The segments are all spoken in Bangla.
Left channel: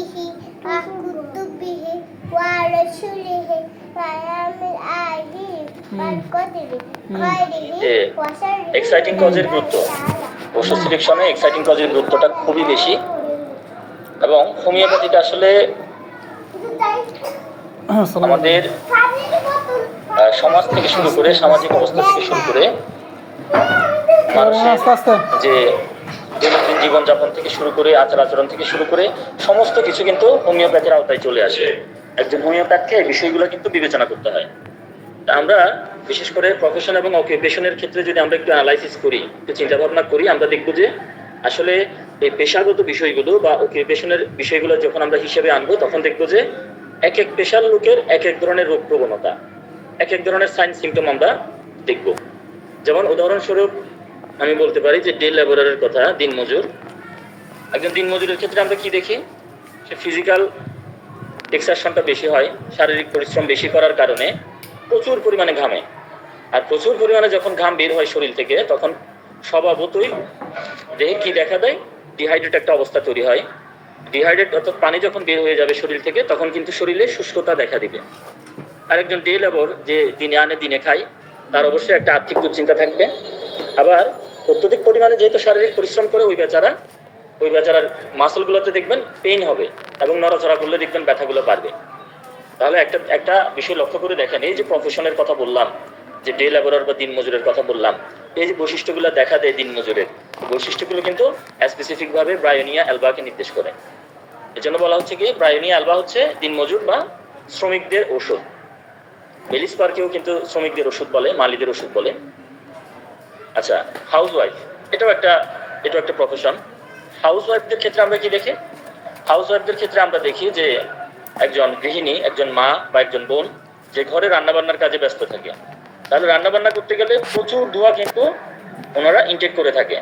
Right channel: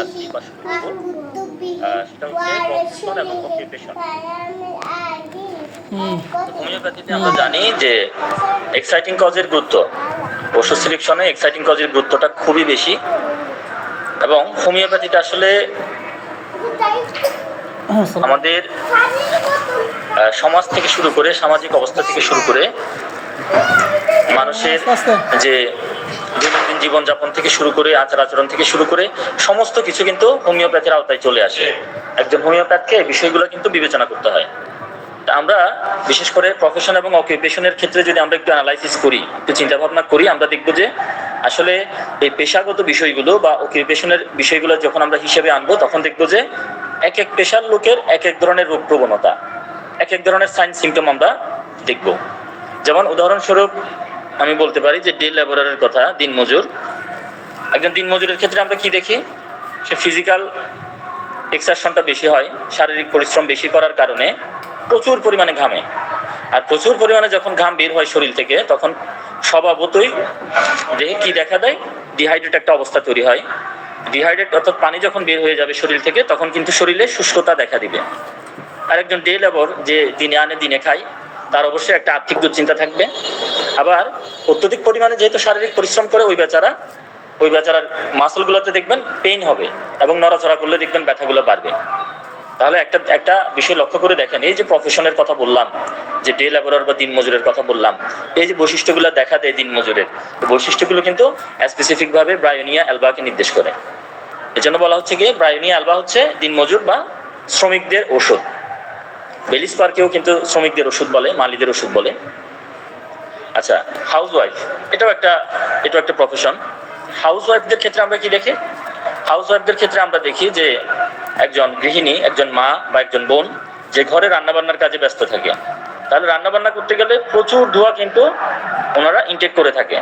চাচ্ছি বা শুরু করবো সেটা হচ্ছে প্রফেশন এবং অকুপেশন। হোমিওপ্যাথিতে আমরা জানি যে এক্সাইটিং কজের গুরুত্ব, ওষুধ সিলেকশনে এক্সাইটিং কজের গুরুত্বটা খুবই বেশি। এবং হোমিওপ্যাথিটা আসলে আমাদের সমাজ থেকে শুরু করে, সামাজিক অবস্থা থেকে শুরু করে, মানুষের যে দৈনন্দিন জীবনযাপন থেকে শুরু করে, আচার আচরণ থেকে শুরু করে সমস্ত কিছু কিন্তু হোমিওপ্যাথির আওতায় চলে আসে। একজন হোমিওপ্যাথকে এই বিষয়গুলো কিন্তু বিবেচনা করতে হয়। তা আমরা বিশেষ করে প্রফেশন এবং অকুপেশনের ক্ষেত্রে যদি আমরা একটু অ্যানালাইসিস করি, একটু চিন্তা ভাবনা করি, আমরা দেখবো যে আসলে এই পেশাগত বিষয়গুলো বা অকুপেশনের বিষয়গুলো যখন আমরা হিসেবে আনবো, তখন দেখবো যে এক এক পেশার লোকের এক এক ধরনের রোগ প্রবণতা, এক এক ধরনের সাইন সিমটম আমরা দেখব। যেমন উদাহরণস্বরূপ আমি বলতে পারি যে ডে লেবারের কথা, দিনমজুর। একজন দিনমজুরের ক্ষেত্রে আমরা কি দেখি? সে ফিজিক্যাল এক্সারশনটা বেশি হয়, শারীরিক পরিশ্রম বেশি করার কারণে প্রচুর পরিমাণে ঘামে। আর প্রচুর পরিমাণে যখন ঘাম বের হয় শরীর থেকে, তখন স্বভাবতই দেহে কি দেখা দেয়? ডিহাইড্রেট একটা অবস্থা তৈরি হয়। ডিহাইড্রেট অর্থাৎ পানি যখন বের হয়ে যাবে শরীর থেকে, তখন কিন্তু শরীরে শুষ্কতা দেখা দিবে। আর একজন ডে লেবার যে দিনে আনে দিনে খায়, তার অবশ্যই একটা আর্থিক দুশ্চিন্তা থাকবে। আবার অত্যধিক পরিমাণে যেহেতু শারীরিক পরিশ্রম করে ওই বেচারার মাসলগুলোতে দেখবেন পেইন হবে, এবং নড়াচড়া করলে দেখবেন ব্যথাগুলো বাড়বে। তাহলে একটা বিষয় লক্ষ্য করে দেখেন, এই যে প্রফেশনের কথা বললাম, যে ডে লেবারার বা দিনমজুরের কথা বললাম, এই যে বৈশিষ্ট্যগুলো দেখা দেয় দিনমজুরের, বৈশিষ্ট্যগুলো কিন্তু স্পেসিফিকভাবে ব্রায়োনিয়া অ্যালবাকে নির্দেশ করে। এজন্য বলা হচ্ছে কি, ব্রায়োনিয়া অ্যালবা হচ্ছে দিনমজুর বা শ্রমিকদের ওষুধ। বেলিস পার্কেও কিন্তু শ্রমিকদের ওষুধ বলে, মালিদের ওষুধ বলে। আচ্ছা, হাউসওয়াইফ, এটাও একটা প্রফেশন। হাউসওয়াইফদের ক্ষেত্রে আমরা কি দেখি? হাউসওয়াইফদের ক্ষেত্রে আমরা দেখি যে একজন গৃহিণী, একজন মা বা একজন বোন যে ঘরে রান্নাবান্নার কাজে ব্যস্ত থাকে, তাহলে রান্নাবান্না করতে গেলে প্রচুর ধোঁয়া কিন্তু ওনারা ইনটেক করে থাকে,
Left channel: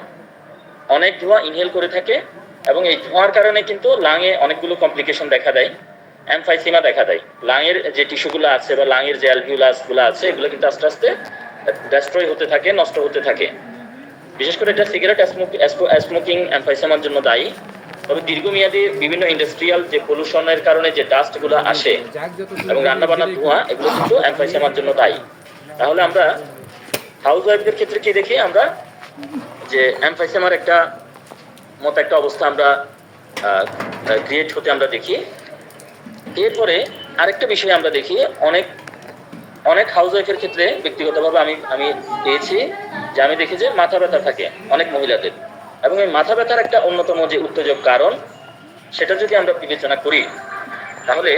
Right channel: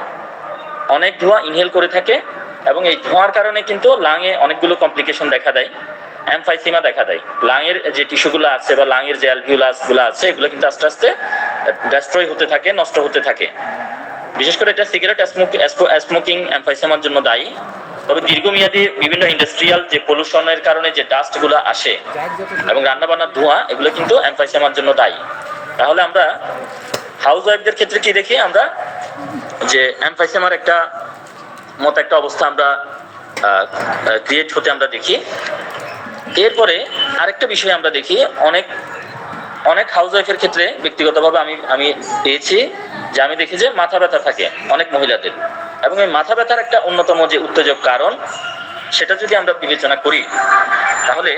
অনেক ধোঁয়া ইনহেল করে থাকে। এবং এই ধোঁয়ার কারণে কিন্তু লাঙে অনেকগুলো কমপ্লিকেশন দেখা দেয়, এমফাইসিমা দেখা দেয়। লাঙের যে টিস্যুগুলো আছে বা লাঙের যে অ্যালভিউলাসগুলো আছে, এগুলো কিন্তু আস্তে আস্তে ডেস্ট্রয় হতে থাকে, নষ্ট হতে থাকে। বিশেষ করে এটা সিগারেট স্মোকিং এমফাইসিমার জন্য দায়ী। তবে দীর্ঘমেয়াদী বিভিন্ন ইন্ডাস্ট্রিয়াল যে পলিউশনের কারণে যে ডাস্টগুলো আসে এবং রান্নাবান্নার ধোঁয়া, এগুলো কিন্তু এমফাইসিমার জন্য দায়ী। তাহলে আমরা হাউসওয়াইফদের ক্ষেত্রে কি দেখি? আমরা যে এমফাইসিমার একটা অবস্থা আমরা ক্রিয়েট হতে আমরা দেখি। এরপরে আরেকটা বিষয় আমরা দেখি, অনেক হাউসওয়াইফের ক্ষেত্রে ব্যক্তিগতভাবে আমি পেয়েছি যে, আমি দেখি যে মাথা ব্যথা থাকে অনেক মহিলাদের। এবং এই মাথা ব্যথার একটা অন্যতম যে উত্তেজক কারণ, সেটা যদি আমরা বিবেচনা করি, তাহলে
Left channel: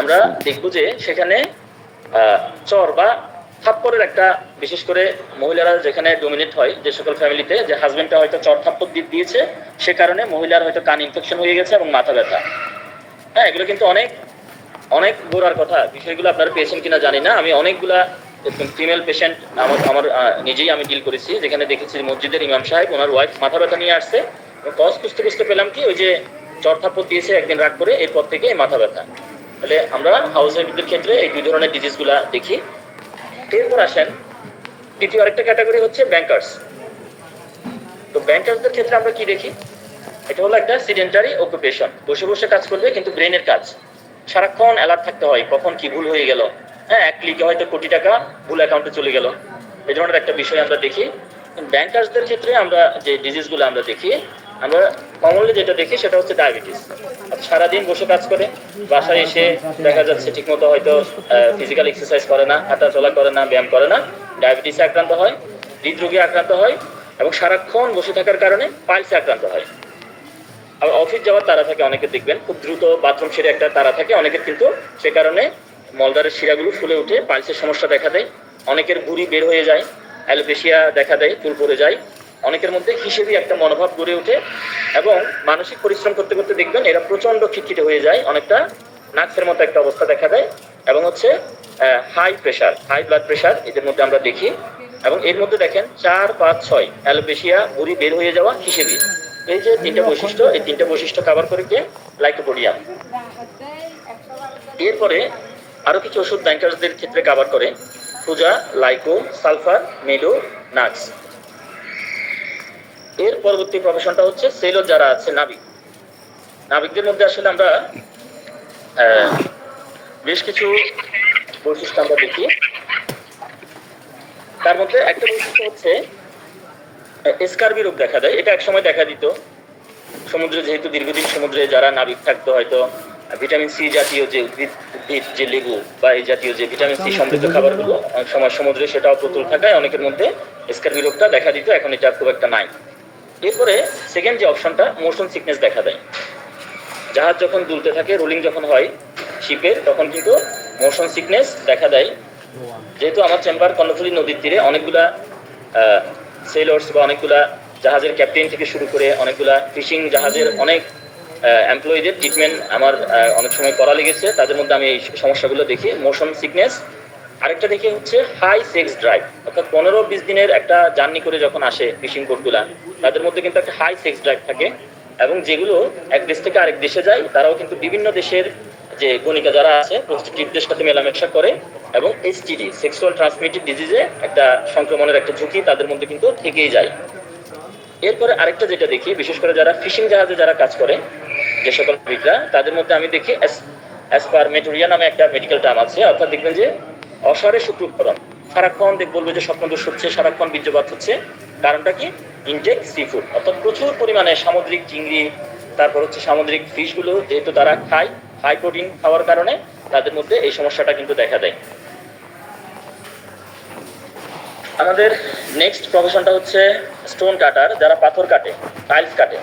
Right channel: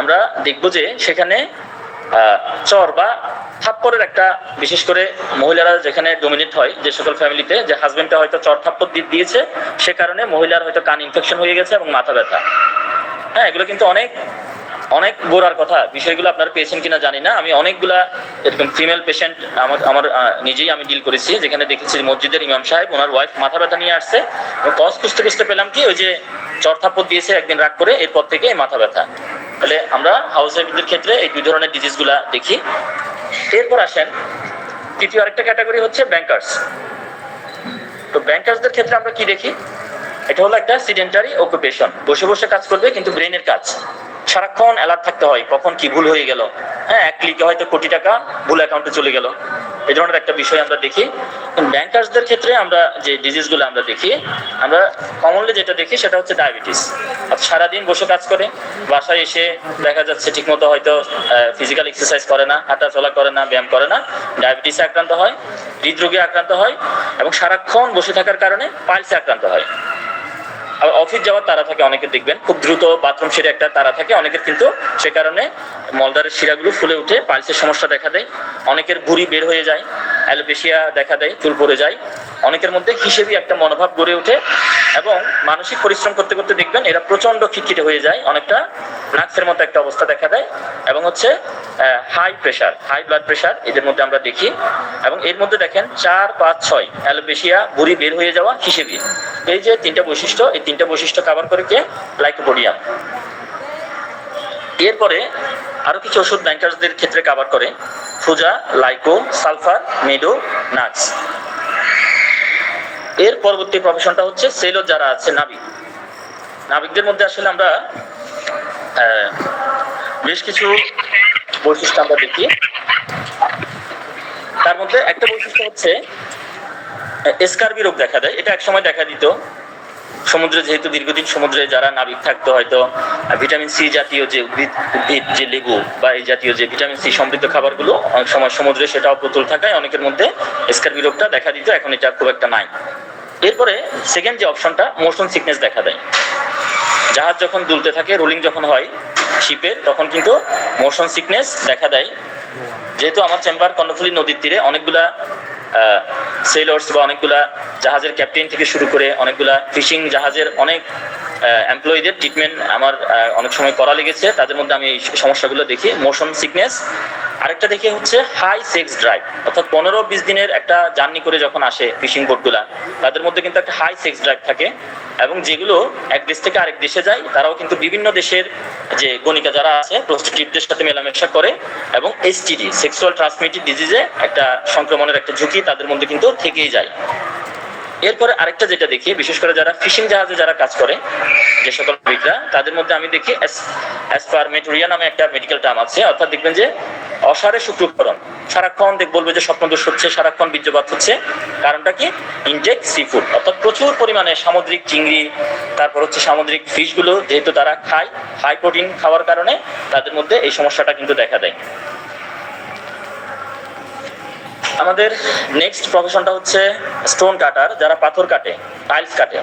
আমরা দেখব যে সেখানে চর বা থাপ্পড়ের একটা, বিশেষ করে মহিলারা যেখানে ডোমিনেট হয়, যে সকল ফ্যামিলিতে যে হাজবেন্ডটা হয়তো চর থাপ্পড় দিয়েছে, সে কারণে মহিলার হয়তো কান ইনফেকশন হয়ে গেছে এবং মাথা ব্যথা। হ্যাঁ, এগুলো কিন্তু অনেক গোড়ার কথা। বিষয়গুলো আপনারা পেয়েছেন কিনা জানি না। আমি অনেকগুলা এরকম ফিমেল পেশেন্ট আমার নিজেই আমি ডিল করেছি, যেখানে দেখেছি মসজিদের ইমাম সাহেব ওনার ওয়াইফ মাথা ব্যথা নিয়ে আসছে, এবং কজ খুঁজতে পেলাম কি, ওই যে চর থাপ্পড় দিয়েছে একদিন রাগ করে, এরপর থেকে এই মাথা ব্যথা। তাহলে আমরা হাউস ওয়াইফদের ক্ষেত্রে এই দুই ধরনের ডিজিজগুলা দেখি। এরপর আসেন তৃতীয় আরেকটা ক্যাটাগরি হচ্ছে ব্যাংকার্স। তো ব্যাংকার্সদের ক্ষেত্রে আমরা কি দেখি? এটা হলো একটা সিডেন্টারি অকুপেশন, বসে বসে কাজ করবে কিন্তু ব্রেনের কাজ, সারাক্ষণ অ্যালার্ট থাকতে হয়, কখন কি ভুল হয়ে গেল। হ্যাঁ, এক ক্লিকে হয়তো কোটি টাকা ভুল অ্যাকাউন্টে চলে গেল, এই ধরনের একটা বিষয় আমরা দেখি। ব্যাংকার্সদের ক্ষেত্রে আমরা যে ডিজিজগুলো আমরা দেখি, আমরা কমনলি যেটা দেখি সেটা হচ্ছে ডায়াবেটিস। সারাদিন বসে কাজ করে, বাসায় এসে দেখা যাচ্ছে ঠিকমতো হয়তো ফিজিক্যাল এক্সারসাইজ করে না, হাঁটা চলা করে না, ব্যায়াম করে না, ডায়াবেটিসে আক্রান্ত হয়, হৃদরোগে আক্রান্ত হয়, এবং সারাক্ষণ বসে থাকার কারণে পাইলসে আক্রান্ত হয়। আবার অফিস যাওয়ার তারা থাকে, অনেকের দেখবেন খুব দ্রুত বাথরুম সেরে একটা তারা থাকে, অনেকের কিন্তু সে কারণে মলদ্বারের শিরাগুলো ফুলে উঠে পাইলসের সমস্যা দেখা দেয়। অনেকের ভুঁড়ি বের হয়ে যায়, অ্যালোপেশিয়া দেখা দেয়, চুল পড়ে যায়। অনেকের মধ্যে হিসেবে একটা মনোভাব গড়ে ওঠে, এবং মানসিক পরিশ্রম করতে করতে দেখবেন এরা প্রচণ্ড খিটখিটে হয়ে যায়, অনেকটা নাক্সের মতো একটা অবস্থা দেখা দেয়। এবং হচ্ছে হাই ব্লাড প্রেশার এদের মধ্যে আমরা দেখি। এবং এর মধ্যে দেখেন 4, 5, 6 অ্যালোপেশিয়া, ভুঁড়ি বের হয়ে যাওয়া, হিসেবে। এই যে তিনটা বৈশিষ্ট্য, এই তিনটা বৈশিষ্ট্য কভার করে কে? লাইকোপোডিয়াম। এরপরে আরো কিছু ওষুধ ব্যাংকার্সদের ক্ষেত্রে কভার করে, ফুজা, লাইকো, সালফার, মেডো, নাক্স। এর পরবর্তী প্রফেশনটা হচ্ছে সেলর যারা আছে, নাবিক। নাবিকদের মধ্যে আসলে আমরা বেশ কিছু বৈশিষ্ট্য আমরা দেখি। তার মধ্যে একটা বৈশিষ্ট্য হচ্ছে স্কার্বি রোগ দেখা দেয়। এটা এক সময় দেখা দিত সমুদ্রে, যেহেতু দীর্ঘদিন সমুদ্রে যারা নাবিক থাকতো, হয়তো ভিটামিন সি জাতীয় যে উদ্ভিদ যে লেবু বা এই জাতীয় যে ভিটামিন সি সমৃদ্ধ খাবারগুলো অনেক সময় সমুদ্রে সেটাও প্রচুর থাকায় অনেকের মধ্যে স্কার্বি রোগটা দেখা দিত। এখন এটা খুব একটা নাই। এরপরে সেকেন্ড যে অপশনটা, মোশন সিকনেস দেখা দেয়। জাহাজ যখন দুলতে থাকে, রোলিং যখন হয় শিপের, তখন কিন্তু মোশন সিকনেস দেখা দেয়। যেহেতু আমার চেম্বার কর্ণফুলী নদীর তীরে, অনেকগুলা সেলর্স বা অনেকগুলা জাহাজের ক্যাপ্টেন থেকে শুরু করে অনেকগুলা ফিশিং জাহাজের অনেক এমপ্লয়ীদের ট্রিটমেন্ট আমার অনেক সময় করা লেগেছে। তাদের মধ্যে আমি এই সমস্যাগুলো দেখি, মোশন সিকনেস। আরেকটা দেখি হচ্ছে হাই সেক্স ড্রাইভ, অর্থাৎ 15-20 দিনের একটা জার্নি করে যখন আসে ফিশিং বোটগুলা, তাদের মধ্যে কিন্তু একটা হাই সেক্স ড্রাইভ থাকে। এবং যেগুলো এক দেশ থেকে আরেক দেশে যায়, তারাও কিন্তু বিভিন্ন দেশের যে গণিকা যারা আছে প্রস্টিটিউটদের সাথে মেলামেশা করে, এবং এসটিডি, সেক্সুয়াল ট্রান্সমিটেড ডিজিজে একটা সংক্রমণের একটা ঝুঁকি তাদের মধ্যে কিন্তু থেকেই যায়। এরপরে আরেকটা যেটা দেখি, বিশেষ করে যারা ফিশিং জাহাজে যারা কাজ করে যে সকল নাবিকরা, তাদের মধ্যে আমি দেখি অ্যাসপারমেটোরিয়া নামে একটা মেডিকেল টার্ম আছে। অর্থাৎ দেখবেন যে অসারে শুক্রকরণ, সারাক্ষণ বলবে যে স্বপ্নদোষ হচ্ছে, সারাক্ষণ বীর্যপাত হচ্ছে। কারণটা কি? ইনটেক সি ফুড, অর্থাৎ প্রচুর পরিমাণে সামুদ্রিক চিংড়ি, তারপর হচ্ছে সামুদ্রিক ফিশগুলো যেহেতু তারা খায়, হাই প্রোটিন খাওয়ার কারণে তাদের মধ্যে এই সমস্যাটা কিন্তু দেখা দেয়। আমাদের নেক্সট প্রফেশনটা হচ্ছে স্টোন কাটার, যারা পাথর কাটে, টাইলস কাটে।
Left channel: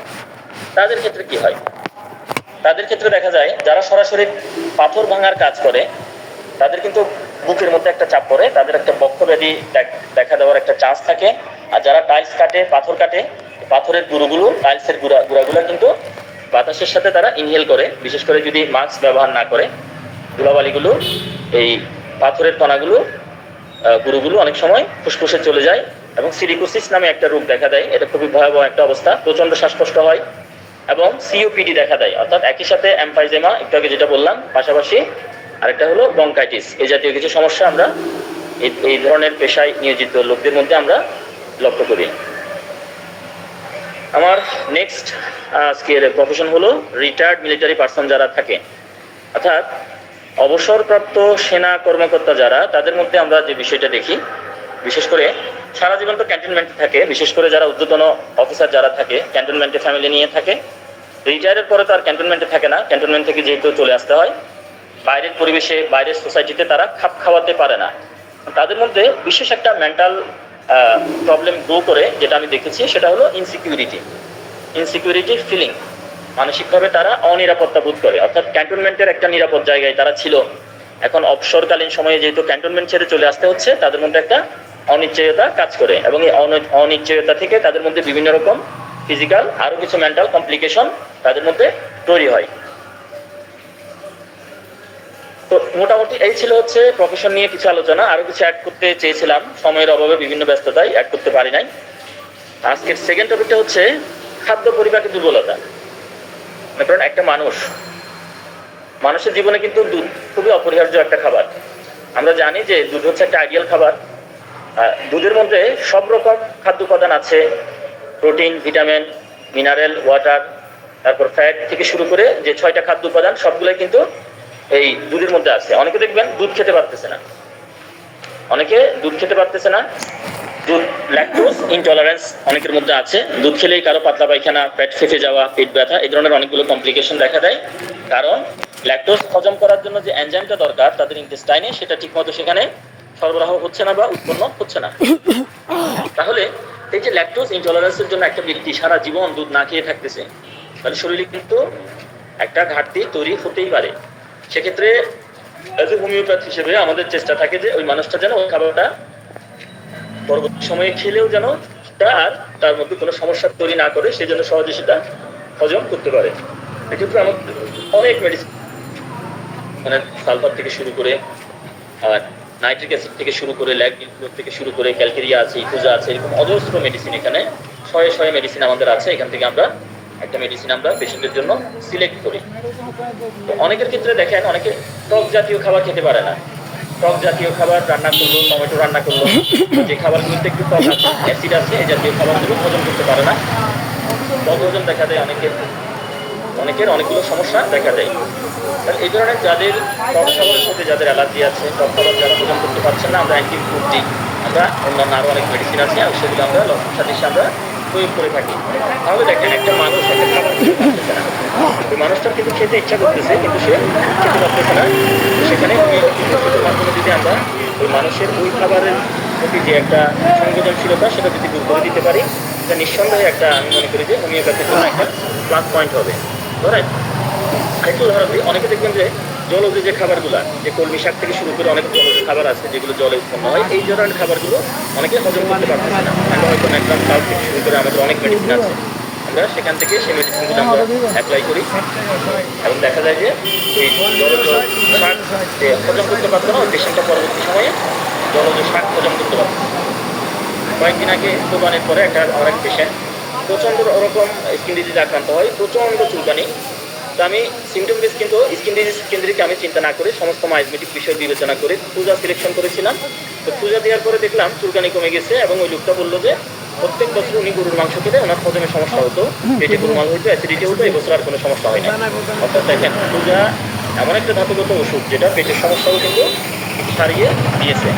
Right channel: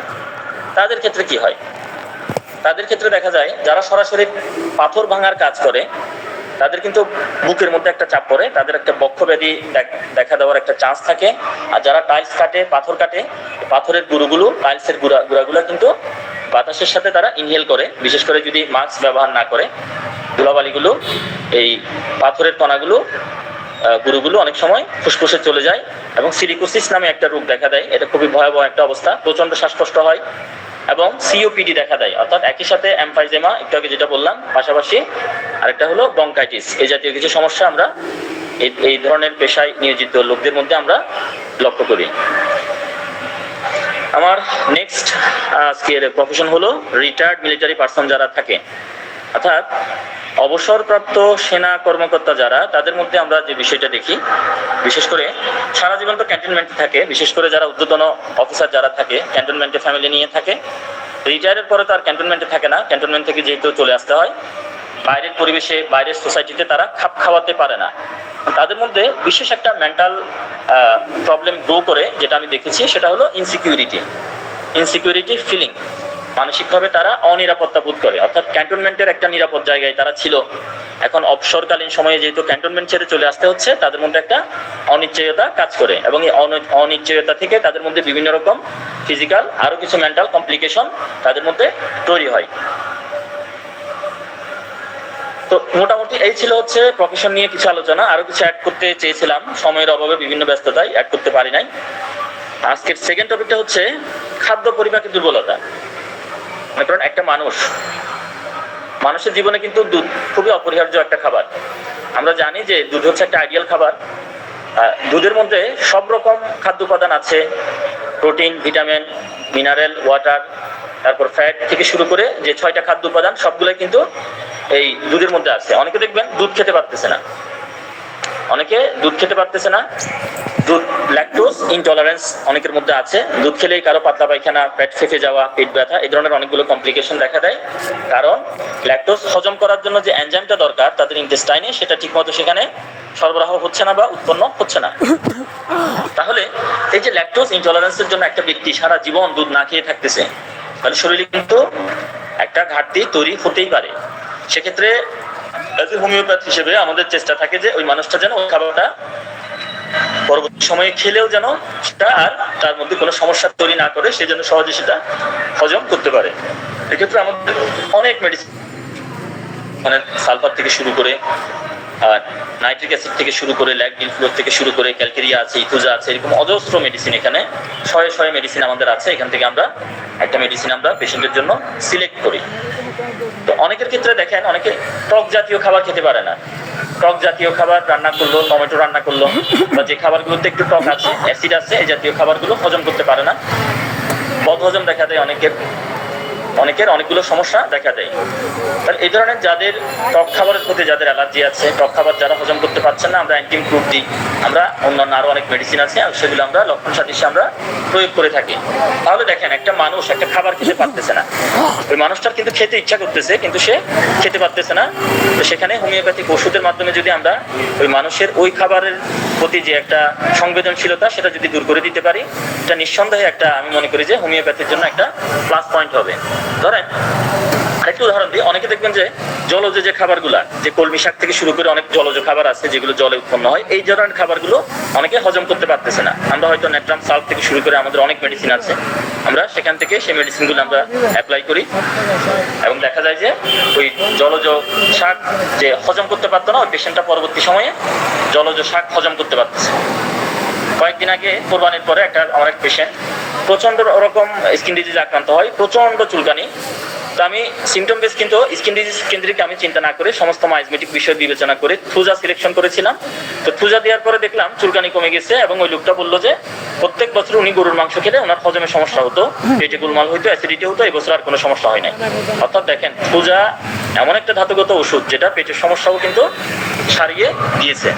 তাদের ক্ষেত্রে কি হয়? তাদের ক্ষেত্রে দেখা যায় যারা সরাসরি পাথর ভাঙার কাজ করে, তাদের কিন্তু বুকের মধ্যে একটা চাপ পড়ে, তাদের একটা বক্ষব্যাধি দেখা দেওয়ার একটা চান্স থাকে। আর যারা টাইলস কাটে, পাথর কাটে, পাথরের গুঁড়োগুলো, টাইলসের গুঁড়াগুলো কিন্তু বাতাসের সাথে তারা ইনহেল করে, বিশেষ করে যদি মাস্ক ব্যবহার না করে। ধুলাবালিগুলো, এই পাথরের কণাগুলো, গুঁড়োগুলো অনেক সময় ফুসফুসে চলে যায় এবং সিলিকোসিস নামে একটা রোগ দেখা দেয়। এটা খুবই ভয়াবহ একটা অবস্থা, প্রচণ্ড শ্বাসকষ্ট হয় এবং সিওপিডি দেখা দেয়। অর্থাৎ একই সাথে এমফাইজেমা, একটু আগে যেটা বললাম, পাশাপাশি আরেকটা হলো ব্রঙ্কাইটিস। এই জাতীয় কিছু সমস্যা আমরা এই ধরনের পেশায় নিয়োজিত লোকদের মধ্যে আমরা লক্ষ্য করি। আমার নেক্সট আজকের প্রফেশন হলো রিটায়ার্ড মিলিটারি পার্সন যারা থাকে, অর্থাৎ অবসরপ্রাপ্ত সেনা কর্মকর্তা যারা, তাদের মধ্যে আমরা যে বিষয়টা দেখি, বিশেষ করে সারা জীবন তো ক্যান্টনমেন্টে থাকে, বিশেষ করে যারা ঊর্ধ্বতন অফিসার যারা থাকে ক্যান্টনমেন্টে ফ্যামিলি নিয়ে থাকে। রিটায়ারের পরে তো আর ক্যান্টনমেন্টে থাকে না, ক্যান্টনমেন্ট থেকে যেহেতু চলে আসতে হয়, বাইরের পরিবেশে, বাইরের সোসাইটিতে তারা খাপ খাওয়াতে পারে না। তাদের মধ্যে বিশেষ একটা মেন্টাল প্রবলেম গ্রো করে, যেটা আমি দেখেছি, সেটা হলো ইনসিকিউরিটি ফিলিং। মানসিকভাবে তারা অনিরাপত্তা বোধ করে। অর্থাৎ ক্যান্টনমেন্টের একটা নিরাপদ জায়গায় তারা ছিল, এখন অবসরকালীন সময়ে যেহেতু ক্যান্টনমেন্ট ছেড়ে চলে আসতে হচ্ছে, তাদের মধ্যে একটা অনিশ্চয়তা কাজ করে এবং এই অনিশ্চয়তা থেকে তাদের মধ্যে বিভিন্ন রকম ফিজিক্যাল আরও কিছু মেন্টাল কমপ্লিকেশন তাদের মধ্যে তৈরি হয়। তো মোটামুটি এই ছিল হচ্ছে প্রফেশন নিয়ে কিছু আলোচনা। আরো কিছু অ্যাড করতে চেয়েছিলাম, সময়ের অভাবে বিভিন্ন ব্যস্ততায় অ্যাড করতে পারি নাই। আজকের সেকেন্ড টপিকটা হচ্ছে খাদ্য পরিপাকের দুর্বলতা। কারণ একটা মানুষের জীবনে কিন্তু দুধ খুবই অপরিহার্য একটা খাবার। আমরা জানি যে দুধ হচ্ছে একটা আইডিয়াল খাবার। দুধের মধ্যে সব রকম খাদ্য উপাদান আছে, প্রোটিন, ভিটামিন, মিনারেল, ওয়াটার, তারপর ফ্যাট থেকে শুরু করে যে 6টা খাদ্য উপাদান সবগুলোই কিন্তু এই দুধের মধ্যে আছে। অনেকে দেখবেন দুধ খেতে পারতেছে না, দুধ ল্যাকটোজ ইনটলারেন্স অনেকের মধ্যে আছে। দুধ খেলেই কারো পাতলা পায়খানা, পেট ফেঁপে যাওয়া, পেট ব্যথা, এই ধরনের অনেকগুলো কমপ্লিকেশন দেখা দেয়। কারণ ল্যাকটোজ হজম করার জন্য যে এনজাইমটা দরকার তাদের ইন্টেস্টাইনে, সেটা ঠিকমতো সেখানে সরবরাহ হচ্ছে না বা উৎপন্ন হচ্ছে না। তাহলে এই যে ল্যাকটোজ ইনটলারেন্সের জন্য একটা ব্যক্তি সারা জীবন দুধ না খেয়ে থাকতেছে, তাহলে শরীরে কিন্তু একটা ঘাটতি তৈরি হতেই পারে। সেক্ষেত্রে এজ এ হোমিওপ্যাথ হিসেবে আমাদের চেষ্টা থাকে যে ওই মানুষটা যেন ওই খাবারটা পরবর্তী সময়ে খেলেও যেন সেটা আর তার মধ্যে কোনো সমস্যা তৈরি না করে, সে যেন সহজে সেটা হজম করতে পারে। এক্ষেত্রে আমাদের অনেক মেডিসিন, মানে সালফার থেকে শুরু করে, আর নাইট্রিক অ্যাসিড থেকে শুরু করে, ল্যাকডিন ফ্লোর থেকে শুরু করে, ক্যালকেরিয়া আছে, ইথুজা আছে, এরকম অজস্র মেডিসিন, এখানে শয়ে মেডিসিন আমাদের আছে। এখান থেকে আমরা একটা মেডিসিন আমরা পেশেন্টের জন্য সিলেক্ট করি। তো অনেকের ক্ষেত্রে দেখেন, অনেকে টক জাতীয় খাবার খেতে পারে না। টক জাতীয় খাবার রান্না করলো, টমেটো রান্না করলো, বা যে খাবারগুলোতে একটু টক আছে, অ্যাসিড আছে, এই জাতীয় খাবারগুলো হজম করতে পারে না, বদহজম দেখা দেয় অনেকের। অনেকের অনেকগুলো সমস্যা দেখা দেয়। তাহলে এই ধরনের যাদের টক খাবারের প্রতি যাদের অ্যালার্জি আছে, টক খাবার যারা হজম করতে পারছেন না, আমরা অ্যান্টি ইমপ্রুভ দিই, আমরা অন্যান্য আরও অনেক মেডিসিন আছে, সেগুলো আমরা লক্ষণ সাদৃশ্যে আমরা প্রয়োগ করে থাকি। তাহলে দেখেন, একটা মানুষ একটা খাবার খেতে পারতেছে না, ওই মানুষটার কিন্তু খেতে ইচ্ছা করতেছে কিন্তু সে খেতে পারতেছে না। তো সেখানে হোমিওপ্যাথিক ওষুধের মাধ্যমে যদি আমরা ওই মানুষের ওই খাবারের প্রতি যে একটা সংবেদনশীলতা সেটা যদি দূর করে দিতে পারি, এটা নিঃসন্দেহে একটা, আমি মনে করি যে হোমিওপ্যাথির জন্য একটা প্লাস পয়েন্ট হবে। ধরেন একটু উদাহরণ দিই, অনেকে দেখবেন যে জলজ যে খাবারগুলা, যে কলমি শাক থেকে শুরু করে অনেক জলজ খাবার আছে যেগুলো জলে উৎপন্ন হয়, এই ধরনের খাবারগুলো অনেকে হজম করতে পারতেছে না। আমরা হয়তো ন্যাট্রাম সাল্ট থেকে শুরু করে আমাদের অনেক মেডিসিন আছে, আমরা সেখান থেকে সেই মেডিসিনগুলো আমরা অ্যাপ্লাই করি এবং দেখা যায় যে ওই জলজ শাক যে হজম করতে পারতো না, ওই পেশেন্টটা পরবর্তী সময়ে জলজ শাক হজম করতে পারতেছে। কয়েকদিন আগে কোরবানির পরে আমার এক পেশেন্ট প্রচণ্ড ওরকম স্কিন ডিজিজ আক্রান্ত হয়, প্রচণ্ড চুলকানি। তো আমি সিমটম বেস কিন্তু স্কিন ডিজিজ কেন্দ্রিক আমি চিন্তা না করে সমস্ত মাইজমেটিক বিষয় বিবেচনা করে থ্রুজা সিলেকশন করেছিলাম। তো থ্রুজা দেওয়ার পরে দেখলাম চুলকানি কমে গেছে এবং ওই লোকটা বললো যে প্রত্যেক বছর উনি গরুর মাংস খেলে ওনার হজমে সমস্যা হতো, পেটে গোলমাল হতো, অ্যাসিডিটি হতো, এই বছর আর কোনো সমস্যা হয় না। অর্থাৎ দেখেন, থ্রুজা এমন একটা ধাতুগত ওষুধ যেটা পেটের সমস্যাও কিন্তু সারিয়ে দিয়েছে।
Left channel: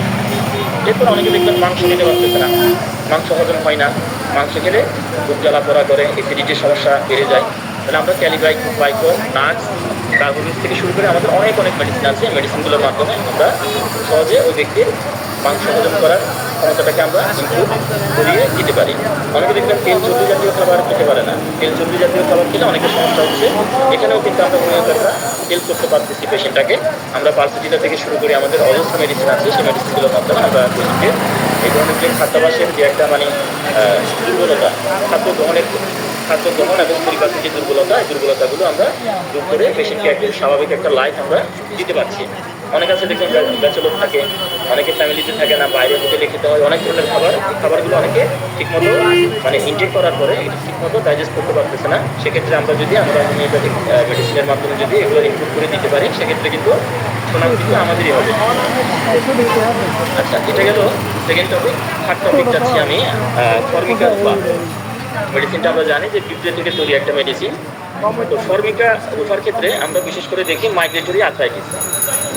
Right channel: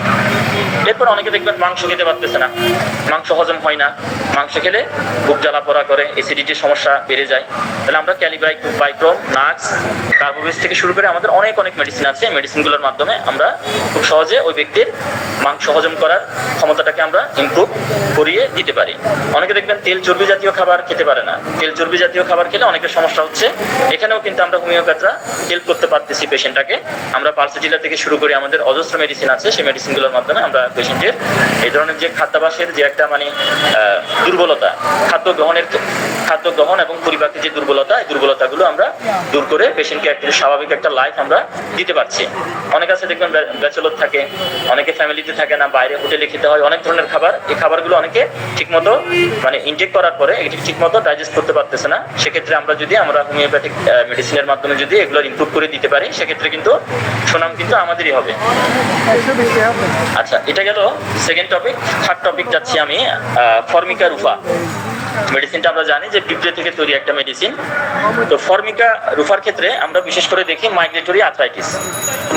এরপর অনেকে দেখবেন মাংস খেতে পারতেছে না, মাংস হজম হয় না, মাংস খেলে খুব জ্বালা পোড়া করে, অ্যাসিডিটির সমস্যা বেড়ে যায়। তাহলে আমরা ক্যালিব্রাইক্রোম, নাক্স, কার্বোভিস থেকে শুরু করে আমাদের অনেক মেডিসিন আছে, মেডিসিনগুলোর মাধ্যমে আমরা খুব সহজে ওই ব্যক্তির মাংস হজম করার ক্ষমতাটাকে আমরা ইমপ্রুভ করিয়ে দিতে পারি। অনেকে দেখবেন তেল চর্বি জাতীয় খাবার খেতে পারে না, তেল চর্বি জাতীয় খাবার খেলে অনেকের সমস্যা হচ্ছে। এখানেও কিন্তু আমরা হোমিওপ্যাথরা হেল্প করতে পারতেছি পেশেন্টটাকে। আমরা পালসিটিলা থেকে শুরু করে আমাদের অজস্র মেডিসিন আছে, সেই মেডিসিনগুলোর মাধ্যমে আমরা পেশেন্টের এই ধরনের যে খাদ্যাভ্যাসের যে একটা দুর্বলতা, খাদ্য গ্রহণ এবং পরিপাকের যে দুর্বলতা, এই দুর্বলতাগুলো আমরা দূর করে পেশেন্টকে একটা স্বাভাবিক একটা লাইফ আমরা দিতে পারছি। অনেক আছে দেখবেন ব্যাচেলর থাকে, অনেকে ফ্যামিলিতে থাকে না, বাইরে হোটেলে খেতে হয় অনেক ধরনের খাবার, এই খাবারগুলো অনেকে ঠিকমতো ইনটেক করার পরে এটি ঠিকমতো ডাইজেস্ট করতে পারতেছে না। সেক্ষেত্রে আমরা হোমিওপ্যাথিক মেডিসিনের মাধ্যমে যদি এগুলো ইমপ্রুভ করে দিতে পারি, সেক্ষেত্রে কিন্তু সুনাম কিন্তু আমাদেরই হবে। আচ্ছা, এটা গেল সেকেন্ড টপিক। থার্ড টপিক যাচ্ছি আমি, ফর্মিকা রুফা। মেডিসিনটা আমরা জানি যে পিঁপড়ে থেকে তৈরি একটা মেডিসিন। তো ফর্মিকা রুফার ক্ষেত্রে আমরা বিশেষ করে দেখি মাইগ্রেটরি আর্থ্রাইটিস।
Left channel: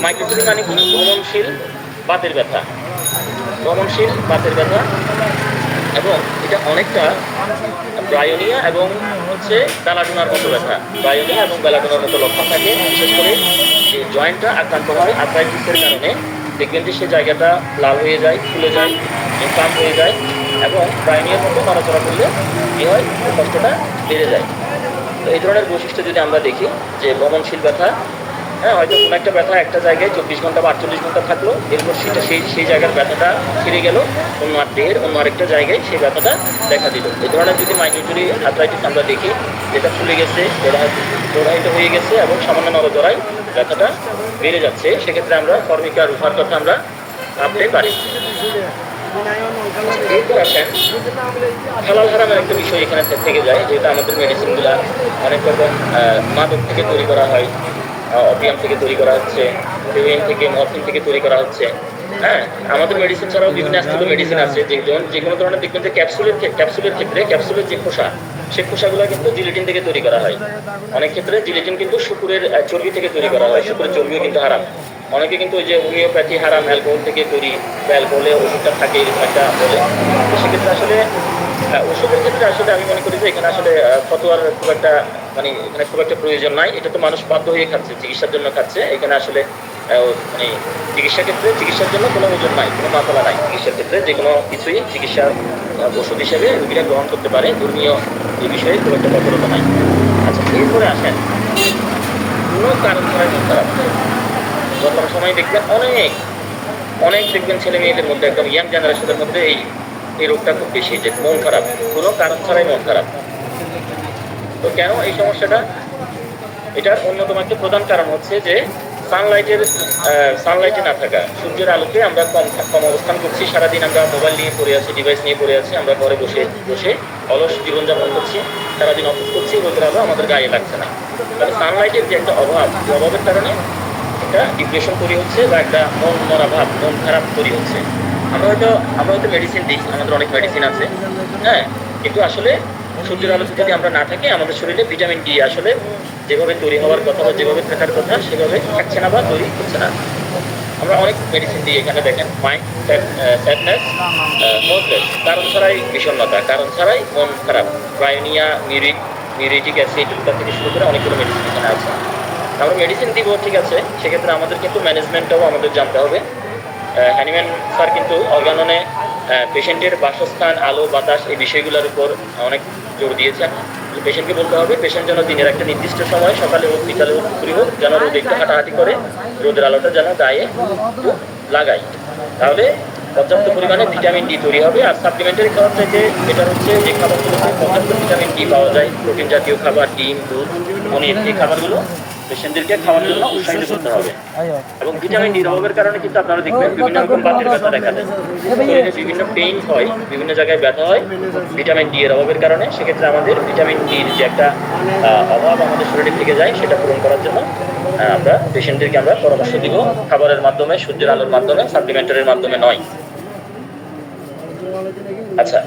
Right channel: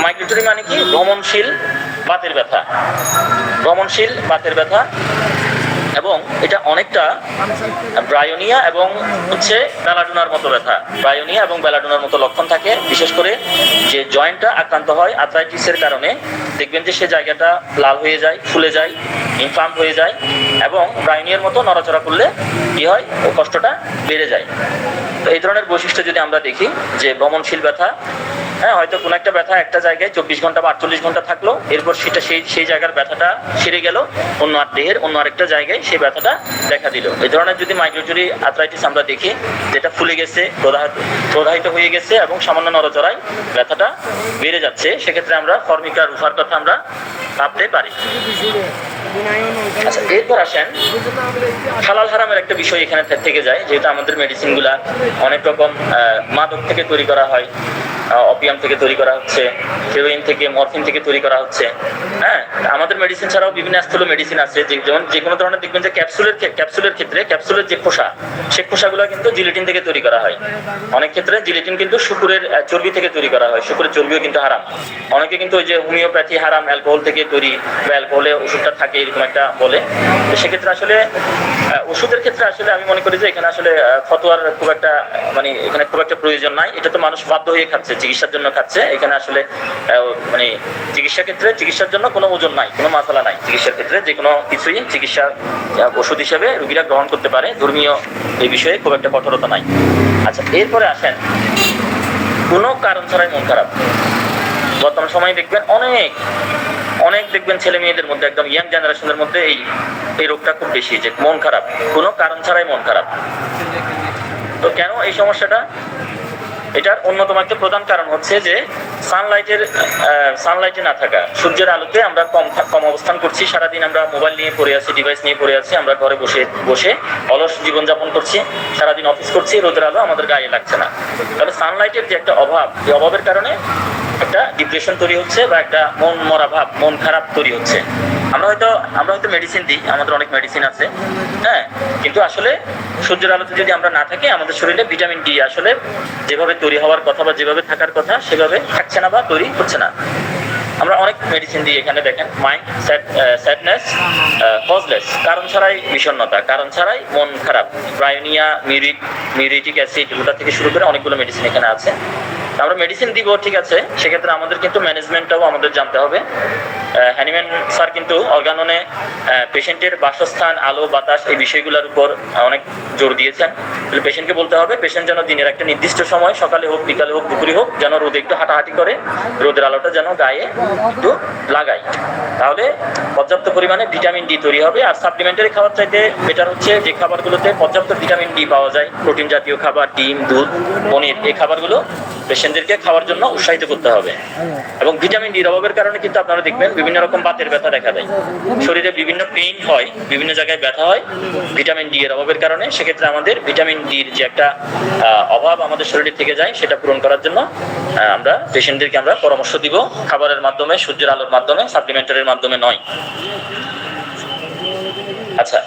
মাইগ্রেটরি মানে কি? ভ্রমণশীল বাতের ব্যথা, ভ্রমণশীল বাতের ব্যথা। এবং এটা অনেকটা ব্রায়োনিয়া এবং বেলাডোনার মতো ব্যথা, ব্রায়োনিয়া এবং বেলাডোনার মতো লক্ষণ থাকে। বিশেষ করে যে জয়েন্টটা আক্রান্ত হয় আর্থ্রাইটিসের কারণে, দেখবেন যে সে জায়গাটা লাল হয়ে যায়, ফুলে যায়, ইনফ্লাম হয়ে যায় এবং ব্রায়োনিয়ার মতো নড়াচড়া করলে কী হয়, ও কষ্টটা বেড়ে যায়। তো এই ধরনের বৈশিষ্ট্য যদি আমরা দেখি যে ভ্রমণশীল ব্যথা, হ্যাঁ, হয়তো কোনো একটা ব্যথা একটা জায়গায় 24 ঘন্টা বা 48 ঘন্টা থাকলো, এরপর সেটা সেই জায়গার ব্যথাটা সেরে গেল, অন্য দেহের অন্য আরেকটা জায়গায় সেই ব্যথাটা দেখা দিল। এই ধরনের যদি মাইগ্রেটরি আর্থ্রাইটিস আমরা দেখি, যেটা ফুলে গেছে, প্রদাহিত হয়ে গেছে এবং সামান্য নড়াচড়ায় ব্যথাটা বেড়ে যাচ্ছে, সেক্ষেত্রে আমরা ফর্মিকা রুফার কথা আমরা ভাবতে পারি। আচ্ছা, এরপর আসেন হালাল হারামের একটা বিষয় এখানে থেকে যায়, যেহেতু আমাদের মেডিসিনগুলা অনেক রকম মাদক থেকে তৈরি করা হয়, অপিয়াম থেকে তৈরি করা হচ্ছে, হেরোইন থেকে, মরফিন থেকে তৈরি করা হচ্ছে। হ্যাঁ, আমাদের মেডিসিন ছাড়াও বিভিন্ন স্থূল মেডিসিন আছে, যেমন যে কোনো ধরনের দেখবেন যে ক্যাপসুলের ক্ষেত্রে ক্যাপসুলের যে খোসা, সেই খোসাগুলো কিন্তু জিলেটিন থেকে তৈরি করা হয়। অনেক ক্ষেত্রে জিলেটিন কিন্তু শুকুরের চর্বি থেকে তৈরি করা হয়, শুকুরের চর্বিও কিন্তু হারাম। অনেকে কিন্তু ওই যে হোমিওপ্যাথি হারাম, অ্যালকোহল থেকে তৈরি বা অ্যালকোহলে ওষুধটা থাকে, এরকম একটা বলে। তো সেক্ষেত্রে আসলে ওষুধের ক্ষেত্রে আসলে আমি মনে করি যে এখানে আসলে ফতোয়ার খুব একটা এখানে খুব একটা প্রয়োজন নাই। এটা তো মানুষ বাধ্য হয়ে খাচ্ছে, চিকিৎসার জন্য খাচ্ছে। এখানে আসলে চিকিৎসার জন্য কোনো ওজন নাই, কোনো মাসালা নাই। চিকিৎসার ক্ষেত্রে যে কোনো কিছুই চিকিৎসা ওষুধ হিসেবে রোগীরা গ্রহণ করতে পারে, ধর্মীয় এই বিষয়ে খুব একটা কঠোরতা নাই। আচ্ছা, এরপরে আসেন কোনো কারণ ছাড়াই মন খারাপ। বর্তমান সময়ে দেখবেন অনেক দেখবেন ছেলে মেয়েদের মধ্যে, একদম ইয়াং জেনারেশনের মধ্যে এই রোগটা খুব বেশি, যে মন খারাপ, কোনো কারণ ছাড়াই মন খারাপ। তো কেন এই সমস্যাটা? এটার অন্যতম একটা প্রধান কারণ হচ্ছে যে সানলাইটে না থাকা, সূর্যের আলোতে আমরা কম অবস্থান করছি। সারাদিন আমরা মোবাইল নিয়ে পড়ে আছি, ডিভাইস নিয়ে পড়ে আছি, আমরা ঘরে বসে অলস জীবনযাপন করছি, সারাদিন অফিস করছি, রোদের আলো আমাদের গায়ে লাগছে না। তাহলে সানলাইটের যে একটা অভাব, এই অভাবের কারণে একটা ডিপ্রেশন তৈরি হচ্ছে বা একটা মন মরা ভাব, মন খারাপ তৈরি হচ্ছে। আমরা হয়তো মেডিসিন দিই, আমাদের অনেক মেডিসিন আছে, হ্যাঁ, কিন্তু আসলে সূর্যের আলোতে যদি আমরা না থাকি আমাদের শরীরে ভিটামিন ডি আসলে যেভাবে তৈরি হওয়ার কথা বা যেভাবে থাকার কথা সেভাবে থাকছে না বা তৈরি হচ্ছে না। আমরা অনেক মেডিসিন দিই, এখানে দেখেন মাইন্ড স্যাডনেস, হপলেস, কারণ ছাড়াই বিষণ্ণতা, কারণ ছাড়াই মন খারাপ, ব্রায়োনিয়া, মিউরিটিক অ্যাসিড, ওটা থেকে শুরু করে অনেকগুলো মেডিসিন এখানে আছে। আমরা মেডিসিন দিব ঠিক আছে, সেক্ষেত্রে আমাদের কিন্তু ম্যানেজমেন্টটাও আমাদের জানতে হবে। হ্যানিম্যান স্যার কিন্তু অর্গাননে পেশেন্টের বাসস্থান, আলো, বাতাস এই বিষয়গুলোর উপর অনেক জোর দিয়েছেন। পেশেন্টকে বলতে হবে পেশেন্ট যেন দিনের একটা নির্দিষ্ট সময়, সকালে হোক, বিকালে হোক, দুপুরে হোক, যেন রোদে একটু হাঁটাহাঁটি করে, রোদের আলোটা যেন গায়ে একটু লাগায়, তাহলে পর্যাপ্ত পরিমাণে ভিটামিন ডি তৈরি হবে। আর সাপ্লিমেন্টারি খাবার চাইতে বেটার হচ্ছে যে খাবারগুলোতে পর্যাপ্ত ভিটামিন ডি পাওয়া যায়, প্রোটিন জাতীয় খাবার, ডিম, দুধ, পনির, এই খাবারগুলো পেশেন্টদেরকে খাওয়ার জন্য উৎসাহিত করতে হবে। এবং ভিটামিন ডির অভাবের কারণে কিন্তু আপনারা দেখবেন বিভিন্ন রকম বাতের ব্যথা দেখা দেয়, শরীরে বিভিন্ন পেইন হয়, বিভিন্ন জায়গায় ব্যথা হয় ভিটামিন ডি এর অভাবের কারণে। সেক্ষেত্রে আমাদের ভিটামিন ডির যে একটা অভাব আমাদের শরীরে থেকে যায়, সেটা পূরণ করার জন্য আমরা পেশেন্টদেরকে আমরা পরামর্শ দিব খাবারের মাধ্যমে, সূর্যের আলোর মাধ্যমে, সাপ্লিমেন্টারির মাধ্যমে নয়। আচ্ছা,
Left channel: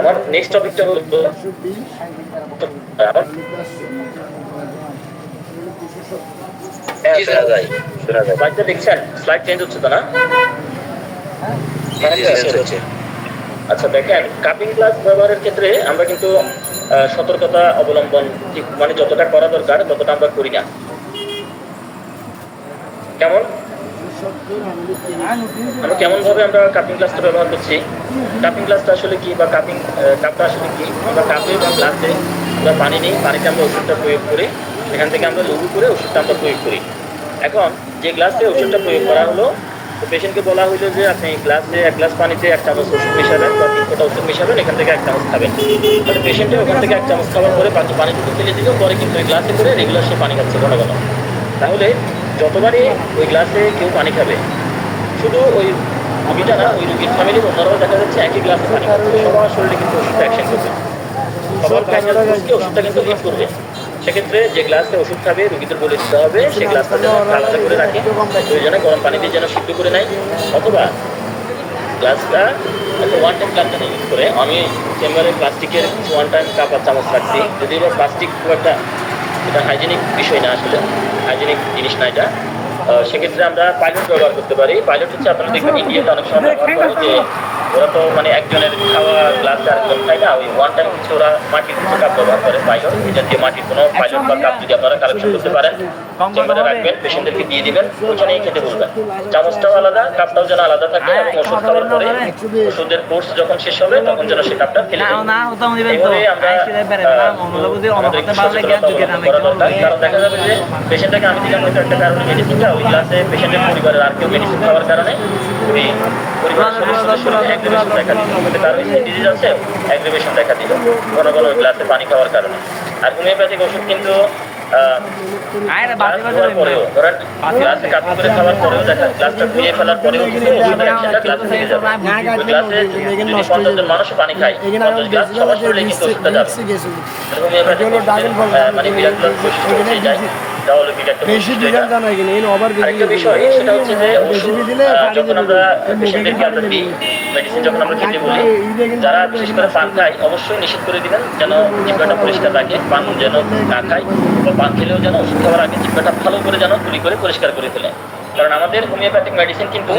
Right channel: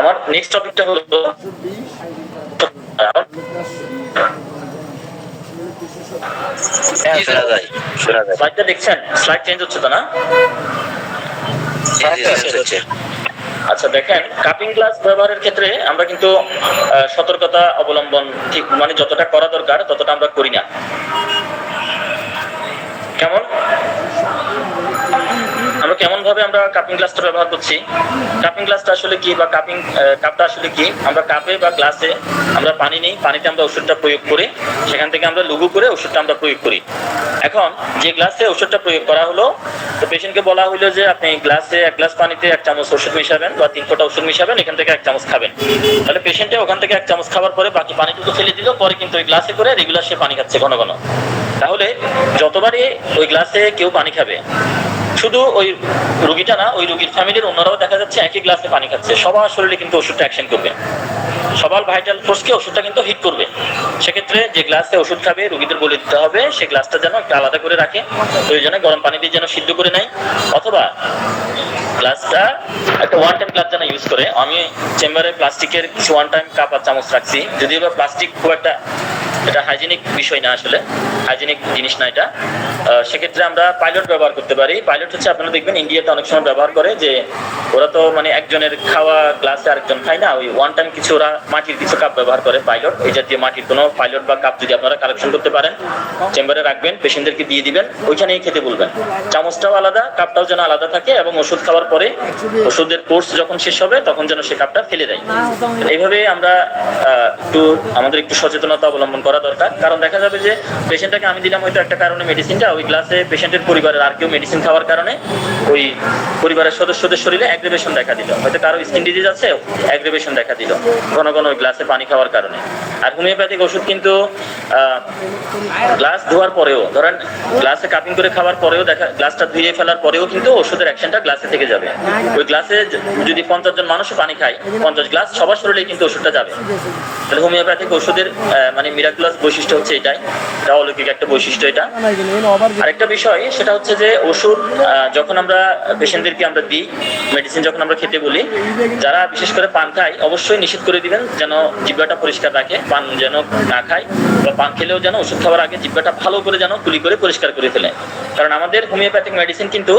আমার নেক্সট টপিকটা হলো স্লাইডটা দেখছেন? স্লাইড চেঞ্জ হচ্ছে তো না? আচ্ছা দেখেন, কাপিং গ্লাস ব্যবহারের ক্ষেত্রে আমরা কিন্তু সতর্কতা অবলম্বন ঠিক মানে যতটা করা দরকার ততটা আমরা করি না। কেমন ভাবে আমরা কাপিং গ্লাসটা ব্যবহার করছি? কাপিং গ্লাসটা আসলে কি বা কাপটা আসলে কি? আমরা কাপে বা গ্লাসে আমরা পানি নিই, পানিতে আমরা ওষুধটা প্রয়োগ করি, সেখান থেকে আমরা লঘু করে ওষুধটা আমরা প্রয়োগ করি। এখন যে গ্লাসে ওষুধটা প্রয়োগ করা হলো, তো পেশেন্টকে বলা হলো যে আপনি গ্লাসে 1 গ্লাস পানিতে 1 চামচ ওষুধ মিশাবেন বা 3 ফোঁটা ওষুধ মিশাবেন, এখান থেকে 1 চামচ খাবেন। তাহলে পেশেন্টে ওখান থেকে 1 চামচ খাওয়ার পরে বাকি পানিটুকু ফেলে দিল, পরে কিন্তু ওই গ্লাসে করে রেগুলার সে পানি খাচ্ছে ঘন ঘন। তাহলে যতবারই ওই গ্লাসে কেউ পানি খাবে, শুধু ওই রুগীটা না, ওই রুগীর ফ্যামিলির অন্যরাও দেখা যাচ্ছে একই গ্লাসে পানি খাচ্ছে, সবার শরীরে কিন্তু ওষুধটা অ্যাকশন করবে, সবার ভাইটাল ফোর্সকে ওষুধটা কিন্তু হিট করবে। সেক্ষেত্রে যে গ্লাসে ওষুধ খাবে রুগীদের বলে দিতে হবে সেই গ্লাসটা যেন আলাদা করে রাখে, প্রয়োজনে গরম পানি দিয়ে যেন সিদ্ধ করে নেয়, অথবা গ্লাসটা একটা 1 টাইম গ্লাস যেন ইউজ করে। আমি চেম্বারে প্লাস্টিকের কিছু 1 টাইম কাপ আর চামচ রাখছি, যদি এবার প্লাস্টিক খুব একটা এটা হাইজেনিক বিষয় না, আসলে হাইজেনিক জিনিস না এটা। সেক্ষেত্রে আমরা পাইলট ব্যবহার করতে পারি। পাইলট হচ্ছে আপনারা দেখবেন ইন্ডিয়াতে অনেক সময় ব্যবহার করে, যে ওরা তো মানে একজনের খাওয়া গ্লাসে আরেকজন খায় না, ওই 1 টাইম কিছু ওরা মাটির কিছু কাপ ব্যবহার করে পাইলট। এই জাতীয় মাটির কোনো পাইলট বা কাপ যদি আপনারা কালেকশন করতে পারেন, চেম্বারে রাখবেন, পেশেন্টদেরকে দিয়ে দিবেন, ওইখানেই খেতে বলবেন। চামচটাও আলাদা, কাপটাও যেন আলাদা থাকে, এবং ওষুধ খাওয়ার পরে ওষুধের কোর্স যখন শেষ হবে তখন যেন সে কাপটা ফেলে দেয়। এইভাবে আমরা আমাদের একটু সচেতনতা অবলম্বন করা দরকার। কারণ দেখা যাবে যে পেশেন্টটাকে আমি দিলাম হয়তো একটা কারণে মেডিসিনটা, ওই গ্লাসে পেশেন্টের পরিবারের আর কেউ মেডিসিন খাওয়ার কারণে ওই পরিবারের সদস্যদের শরীরে অ্যাগ্রেভেশন দেখা দিল, হয়তো কারো স্কিন ডিজিজ আছে, অ্যাগ্রেভেশন দেখা দিল ঘন ঘন ওই গ্লাসে পানি খাওয়ার কারণে। আর হোমিওপ্যাথিক ওষুধ কিন্তু গ্লাস ধোয়ার পরেও, ধরেন গ্লাসে কাপিং করে খাওয়ার পরেও দেখা, গ্লাসটা ধুয়ে ফেলার পরেও কিন্তু ওষুধের অ্যাকশনটা গ্লাসে থেকে যাবে। ওই গ্লাসে যদি 50 জন মানুষ পানি খায়, 50 গ্লাস সবার শরীরে কিন্তু ওষুধটা যাবে। তাহলে হোমিওপ্যাথিক ওষুধের মানে মিরাকুলাস বৈশিষ্ট্য হচ্ছে এটাই, এটা অলৌকিক একটা বৈশিষ্ট্য এটা। আরেকটা বিষয় সেটা হচ্ছে যে ওষুধ যখন আমরা পেশেন্টদেরকে আমরা দিই, মেডিসিন যখন আমরা খেতে বলি, যারা বিশেষ করে পান খায় অবশ্যই নিষেধ করে দিবেন যেন জিহ্বাটা পরিষ্কার রাখে, পান যেন না খায়, বা পান খেলেও যেন ওষুধ খাওয়ার আগে জিহ্বাটা ভালো করে যেন তুলি করে পরিষ্কার করে ফেলে। কারণ আমাদের হোমিওপ্যাথিক মেডিসিন কিন্তু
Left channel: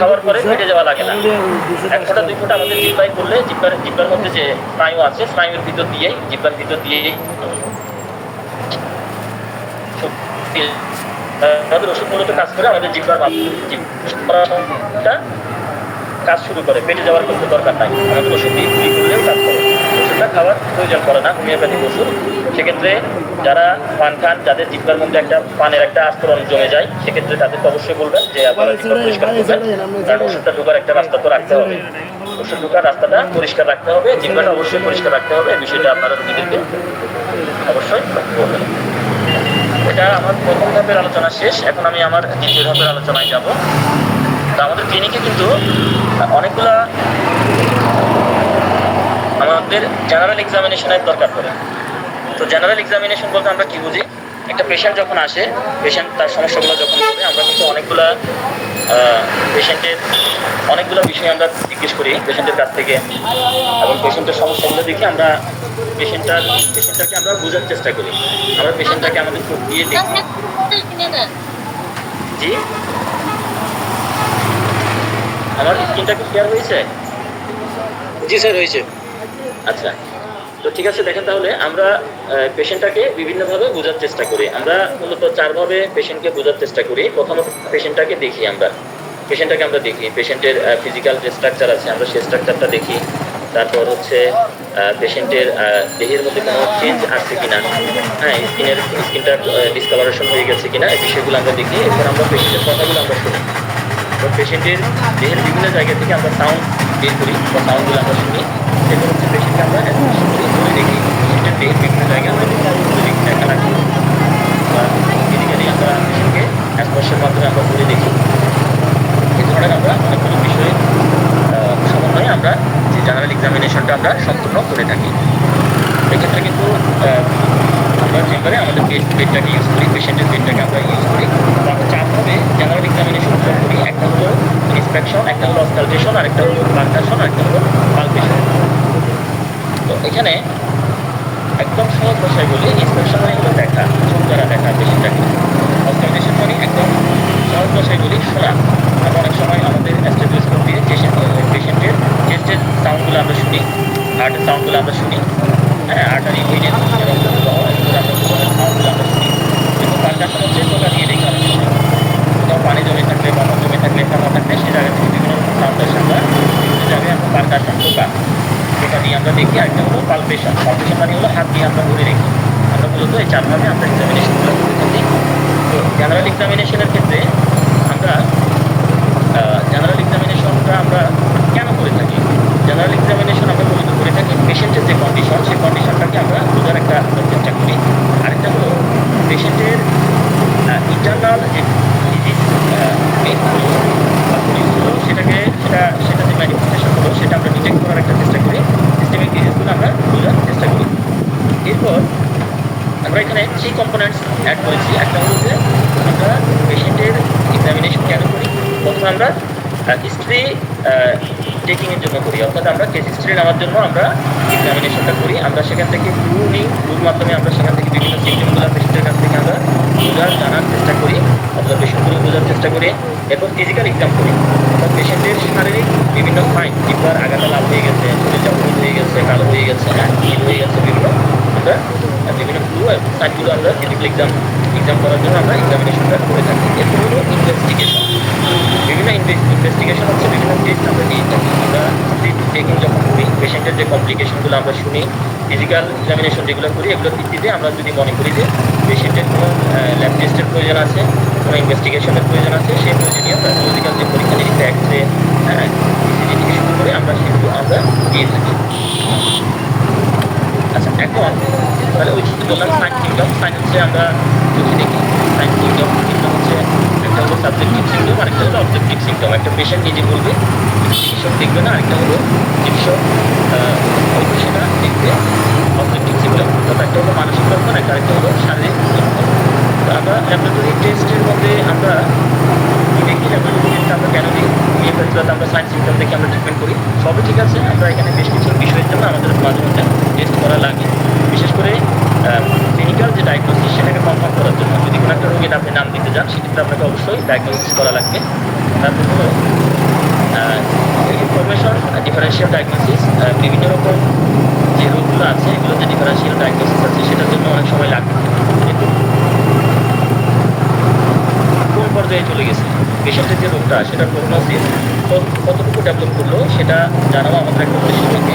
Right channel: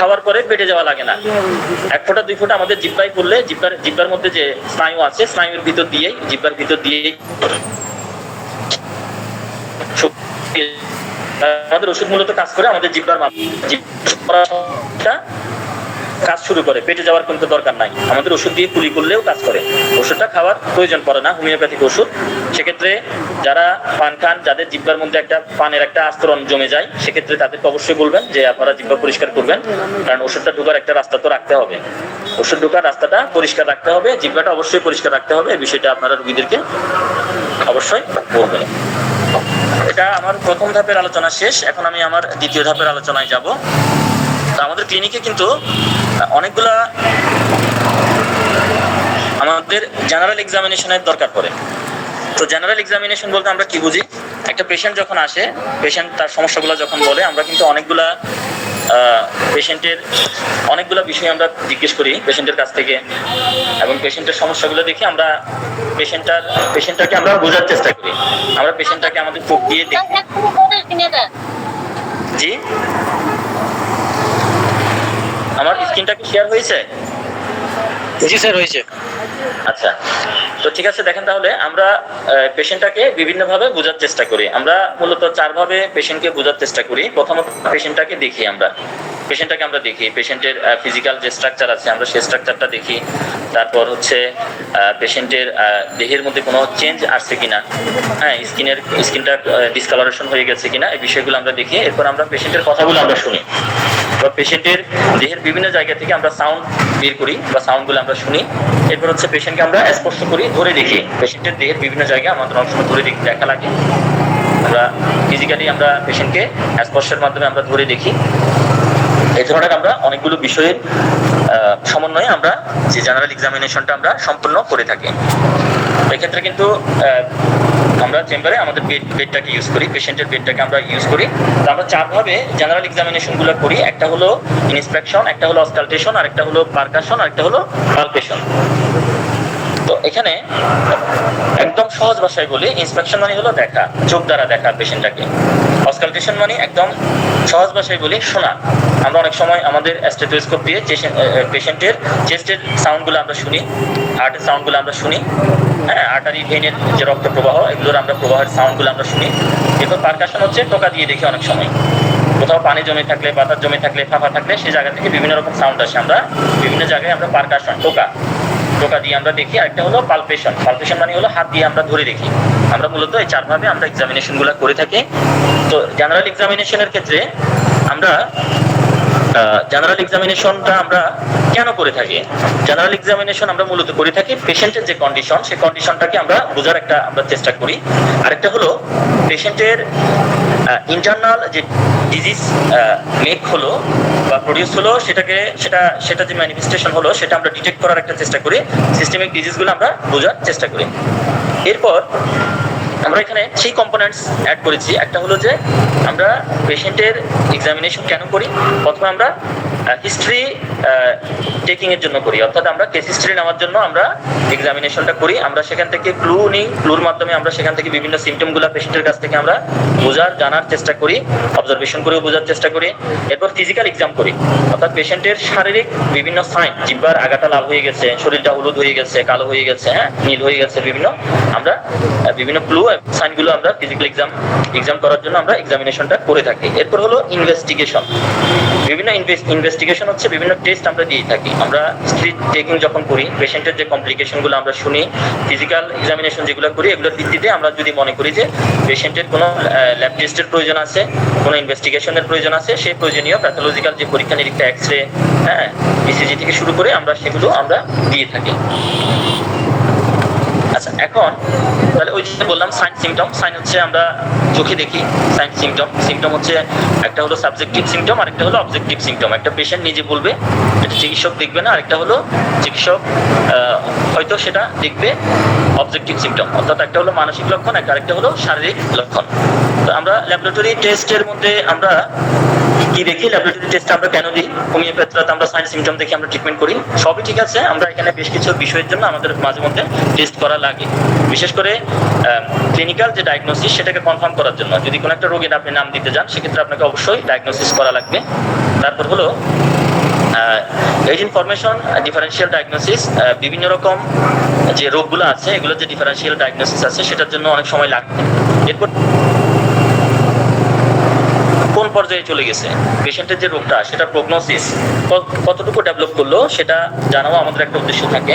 খাওয়ার পরে পেটে যাওয়া লাগে না, 1 ফোঁটা 2 ফোঁটা আমাদের জিহ্বায় করলে জিহ্বার মধ্যে যে স্নায়ু আছে, স্নায়ুর ভিতর দিয়েই, জিহ্বার ভিতর দিয়েই আমাদের ওষুধ মূলত কাজ করে আমাদের জিহ্বার কাজ শুরু করে, পেটে যাওয়ার কিন্তু দরকার নাই, আমাদের ওষুধ দিয়ে কুলি করলেও কাজ করে, ওষুধটা খাওয়ার প্রয়োজন পড়ে না হোমিওপ্যাথিক ওষুধ। সেক্ষেত্রে যারা পান খান, যাদের জিহ্বার মধ্যে একটা পানের একটা আস্তরণ জমে যায়, সেক্ষেত্রে তাদেরকে অবশ্যই বলবেন যে আপনারা জিহ্বা পরিষ্কার করবেন, কারণ ওষুধটা ঢোকার একটা রাস্তা তো রাখতে হবে, ওষুধ ঢোকার রাস্তাটা পরিষ্কার রাখতে হবে, জিহ্বাটা অবশ্যই পরিষ্কার রাখতে হবে। এই বিষয়টা আপনারা রোগীদেরকে অবশ্যই বলবেন। এটা আমার প্রথম ধাপের আলোচনা শেষ, এখন আমি আমার দ্বিতীয় ধাপের আলোচনায় যাব। তো আমাদের ক্লিনিকে কিন্তু অনেকগুলা আমাদের জেনারেল এক্সামিনেশনের দরকার পড়ে। তো জেনারেল এক্সামিনেশন বলতে আমরা কি বুঝি? একটা পেশেন্ট যখন আসে, পেশেন্ট তার সমস্যাগুলো যখন বলে, আমরা কিন্তু পেশেন্টের অনেকগুলো বিষয় আমরা জিজ্ঞেস করি পেশেন্টের কাছ থেকে, এবং পেশেন্টের সমস্যাগুলো দেখে আমরা পেশেন্টটাকে আমরা বোঝার চেষ্টা করি। আমরা পেশেন্টটাকে আমাদের চোখ দিয়ে দেখি। জি, আমার স্ক্রিনটা কি শেয়ার হয়েছে? জি স্যার, হয়েছে। আচ্ছা, তো ঠিক আছে, দেখেন তাহলে আমরা পেশেন্টটাকে বিভিন্নভাবে বোঝার চেষ্টা করি। আমরা মূলত 4 ভাবে পেশেন্টকে বোঝার চেষ্টা করি। প্রথমত পেশেন্টটাকে দেখি, আমরা দেখি পেশেন্টের ফিজিক্যাল যে স্ট্রাকচার আছে আমরা সেই স্ট্রাকচারটা দেখি। তারপর হচ্ছে পেশেন্টের দেহের মধ্যে কোনো চেঞ্জ আসছে কিনা, হ্যাঁ, স্কিনটা ডিসকালারেশন হয়ে গেছে কিনা, এই বিষয়গুলো আমরা দেখি। এরপর আমরা পেশেন্টের কথাগুলো আমরা শুনি বা পেশেন্টের দেহের বিভিন্ন জায়গা থেকে আমরা সাউন্ড বের করি বা সাউন্ডগুলো আমরা শুনি। এরপর হচ্ছে পেশেন্টকে আমরা স্পর্শ করি, ধরে দেখি পেশেন্টের দেহের বিভিন্ন জায়গায় আমাদের অংশ ধরে দেখি, দেখা লাগে। আমরা ফিজিক্যালি আমরা পেশেন্টকে স্পর্শের মাধ্যমে আমরা ধরে দেখি। এই ধরনের আমরা অনেকগুলো বিষয়ের সমন্বয়ে আমরা যে জেনারেল এক্সামিনেশনটা আমরা সম্পূর্ণ করে থাকি। এক্ষেত্রে কিন্তু আমরা চেম্বারে আমাদের বেডটাকে ইউজ করি, পেশেন্টের বেডটাকে আমরা ইউজ করি। তো আমরা 4 ভাবে জেনারেল এক্সামিনেশনগুলো করি। একটা হলো ইন্সপেকশন, একটা হলো অস্কালটেশন, আরেকটা হলো পারকাশন, আরেকটা হলো পালপেশন। তো এখানে একদম সহজ ভাষায় বলি, ইন্সপেকশন মানে হলো দেখা, চোখ দ্বারা দেখা পেশেন্টটাকে। অস্কালটেশন মানে একদম সহজ ভাষায় বলি শোনা। আমরা অনেক সময় আমাদের স্টেথোস্কোপ দিয়ে পেশেন্টের চেস্টের সাউন্ডগুলো আমরা শুনি, হার্টের সাউন্ডগুলো আমরা শুনি, হ্যাঁ, আর্টারি ভেনের যে রক্ত প্রবাহ, এগুলোর আমরা প্রবাহের সাউন্ডগুলো আমরা শুনি। এরপর পারকাশন হচ্ছে টোকা দিয়ে দেখি। অনেক সময় কোথাও পানি জমে থাকলে, বাতাস জমে থাকলে, ফাঁকা থাকলে সেই জায়গা থেকে বিভিন্ন রকম সাউন্ড আসে। আমরা বিভিন্ন জায়গায় আমরা পারকাশন টোকা দিয়ে আমরা দেখি। আরেকটা হলো পালপেশন মানে হলো হাত দিয়ে আমরা ধরে দেখি। আমরা মূলত এই 4 ভাবে আমরা এক্সামিনেশনগুলো করে থাকি। তো জেনারেল এক্সামিনেশনের ক্ষেত্রে আমরা জেনারেল এক্সামিনেশনটা আমরা কেন করে থাকি? জেনারেল এক্সামিনেশন আমরা মূলত করে থাকি পেশেন্টের যে কন্ডিশন, সেই কন্ডিশনটাকে আমরা বোঝার আমরা চেষ্টা করি। আরেকটা হলো পেশেন্টের ইন্টারনাল যে ডিজিজ মেক হলো বা প্রডিউস হলো, সেটা যে ম্যানিফেস্টেশন হলো সেটা আমরা ডিটেক্ট করার একটা চেষ্টা করি। সিস্টেমিক ডিজিজগুলো আমরা বোঝার চেষ্টা করি। এরপর আমরা এখানে 3 কম্পোনেন্টস অ্যাড করেছি। একটা হলো যে আমরা পেশেন্টের এক্সামিনেশন কেন করি। প্রথমে আমরা হিস্ট্রি টেকিংয়ের জন্য করি, অর্থাৎ আমরা কেস হিস্ট্রি নেওয়ার জন্য আমরা এক্সামিনেশনটা করি। আমরা সেখান থেকে ক্লু নিই, ক্লুর মাধ্যমে আমরা সেখান থেকে বিভিন্ন সিমটমগুলো পেশেন্টের কাছ থেকে আমরা জানার চেষ্টা করি, অবজারভেশন করে বোঝার চেষ্টা করি। এরপর ফিজিক্যাল এক্সাম করি, অর্থাৎ পেশেন্টের শারীরিক বিভিন্ন সাইন, জিহ্বার আগাটা লাল হয়ে গেছে, শরীরটা হলুদ হয়ে গেছে, কালো হয়ে গেছে, হ্যাঁ, নীল হয়ে গেছে, আমরা বিভিন্ন ক্লু সাইনগুলো আমরা ফিজিক্যাল এক্সাম করার জন্য আমরা এক্সামিনেশনটা করে থাকি। এরপর হলো ইনভেস্টিগেশন। বিভিন্ন ইনভেস্টিগেশন হচ্ছে বিভিন্ন টেস্ট আমরা দিয়ে থাকি। আমরা হিস্ট্রি টেকিং যখন করি, পেশেন্টের যে কমপ্লিকেশনগুলো আমরা শুনি, ফিজিক্যাল এক্সামিনেশন যেগুলো করি, এগুলোর ভিত্তিতে আমরা যদি মনে করি যে পেশেন্টের কোনো ল্যাব টেস্টের প্রয়োজন আছে, কোনো ইনভেস্টিগেশনের প্রয়োজন আছে, সেই প্রয়োজনীয় প্যাথোলজিক্যাল যে পরীক্ষা নিরীক্ষা, এক্সরে, হ্যাঁ, ইসিজি থেকে শুরু করে আমরা সেগুলো আমরা দিয়ে থাকি। আচ্ছা, এখন তাহলে ওই যে বললাম সাইন সিমটম, সাইন হচ্ছে আমরা চোখে দেখি। সাইন সিমটম হচ্ছে একটা হলো সাবজেক্টিভ সিমটম, আরেকটা হলো অবজেক্টিভ সিমটম। একটা পেশেন্ট নিজে বলবে, এটা চিকিৎসক দেখবে না, আরেকটা হলো চিকিৎসক হয়তো সেটা দেখবে অবজেক্টিভ সিমটম, অর্থাৎ একটা হলো মানসিক লক্ষণ, আরেকটা হলো শারীরিক লক্ষণ। তো আমরা ল্যাবরেটরি টেস্টের মধ্যে আমরা কি দেখি, ল্যাবরেটরি টেস্ট আমরা কেন দিই, হোমিওপ্যাথিতে আমরা সাইন সিমটম দেখে আমরা ট্রিটমেন্ট করি, সবই ঠিক আছে। আমরা এখানে বেশ কিছু বিষয়ের জন্য আমাদের মাঝে মধ্যে টেস্ট করা লাগে, বিশেষ করে ক্লিনিক্যাল যে ডায়াগনোসিস সেটাকে কনফার্ম করার জন্য। যদি কোনো একটা রোগের আপনি নাম দিতে যান, সেক্ষেত্রে আপনাকে অবশ্যই ডায়াগনোসিস করা লাগবে। তারপর হলো এইজ ইনফরমেশন, ডিফারেন্সিয়াল ডায়াগনোসিস। বিভিন্ন রকম যে রোগগুলো আছে, এগুলো যে ডিফারেন্সিয়াল ডায়াগনোসিস আছে সেটার জন্য অনেক সময় লাগবে। এরপর কোন পর্যায়ে চলে গেছে পেশেন্টের যে রোগটা, সেটার প্রগনোসিস কতটুকু ডেভেলপ করলো সেটা জানাও আমাদের একটা উদ্দেশ্য থাকে।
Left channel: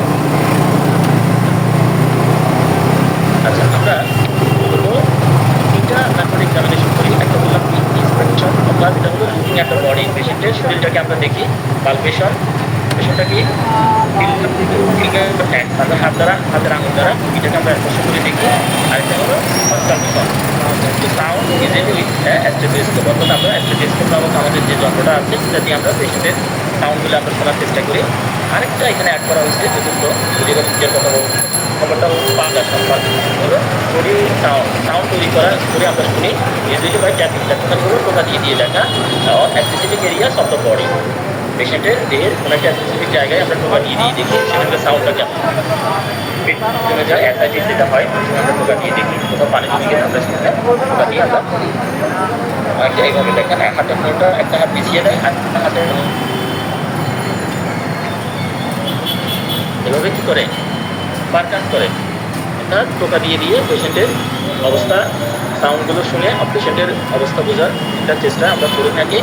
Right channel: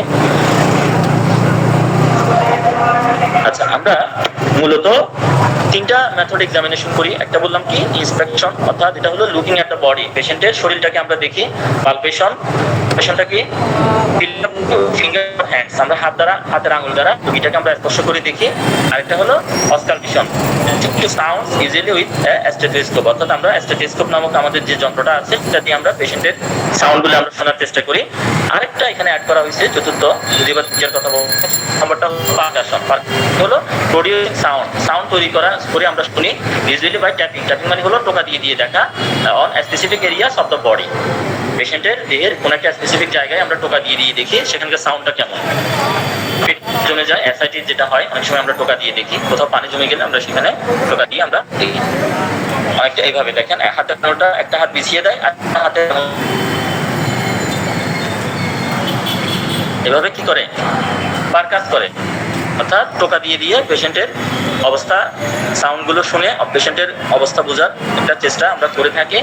আচ্ছা, আমরা মূলত 3টা মেথড এক্সামিনেশন করি। একটা বললাম কি ইন্সপেকশন, অর্থাৎ এটা হলো লুকিং অ্যাট দ্য বডি, পেশেন্টের শরীরটাকে আমরা দেখি। পালপেশন, পেশেন্টটা কি ফিঙ্গার হ্যান্ডস, আমরা হাতের আঙুল দ্বারা রোগীটাকে আমরা স্পর্শ করে দেখি। আরেকটা হলো অস্কালটেশন, সাউন্ড ইউজুয়ালি উইথ স্টেথোস্কোপ, অর্থাৎ আমরা স্টেথোস্কোপ নামক আমাদের যে যন্ত্রটা আছে সেটা দিয়ে আমরা পেশেন্টের সাউন্ডগুলো আমরা শোনার চেষ্টা করি। আরেকটা এখানে অ্যাড করা হয়েছে চতুর্থ, যদি এবার কথা বলবো, খবরটা হলো প্রডিউসিং সাউন্ড তৈরি করে আমরা শুনি, ইউজুয়ালি বাই ট্যাপিং মানে হলো টোকা দিয়ে দেখা on specific areas of the body. পেশেন্টের দেহের কোনো একটা স্পেসিফিক জায়গায় আমরা টোকা দিয়ে দেখি সেখানকার সাউন্ডটা কেমন। পেট জমে যায়, অ্যাসাইটিস যেটা হয় অনেক সময় আমরা টোকা দিয়ে দেখি, কোথাও পানি জমে গেলে আমরা সেখানে টোকা দিয়ে আমরা দেখি। অনেকটা এইভাবে দেখেন, হাতের নোটা একটা হাত বিছিয়ে দেয় আর একটা হাতে এভাবে কি করে পারকাস করে, অর্থাৎ টোকা দিয়ে পেশেন্টের অবস্থা সাউন্ডগুলো শুনে পেশেন্টের অবস্থা বোঝার একটা চেষ্টা আমরা করে থাকি।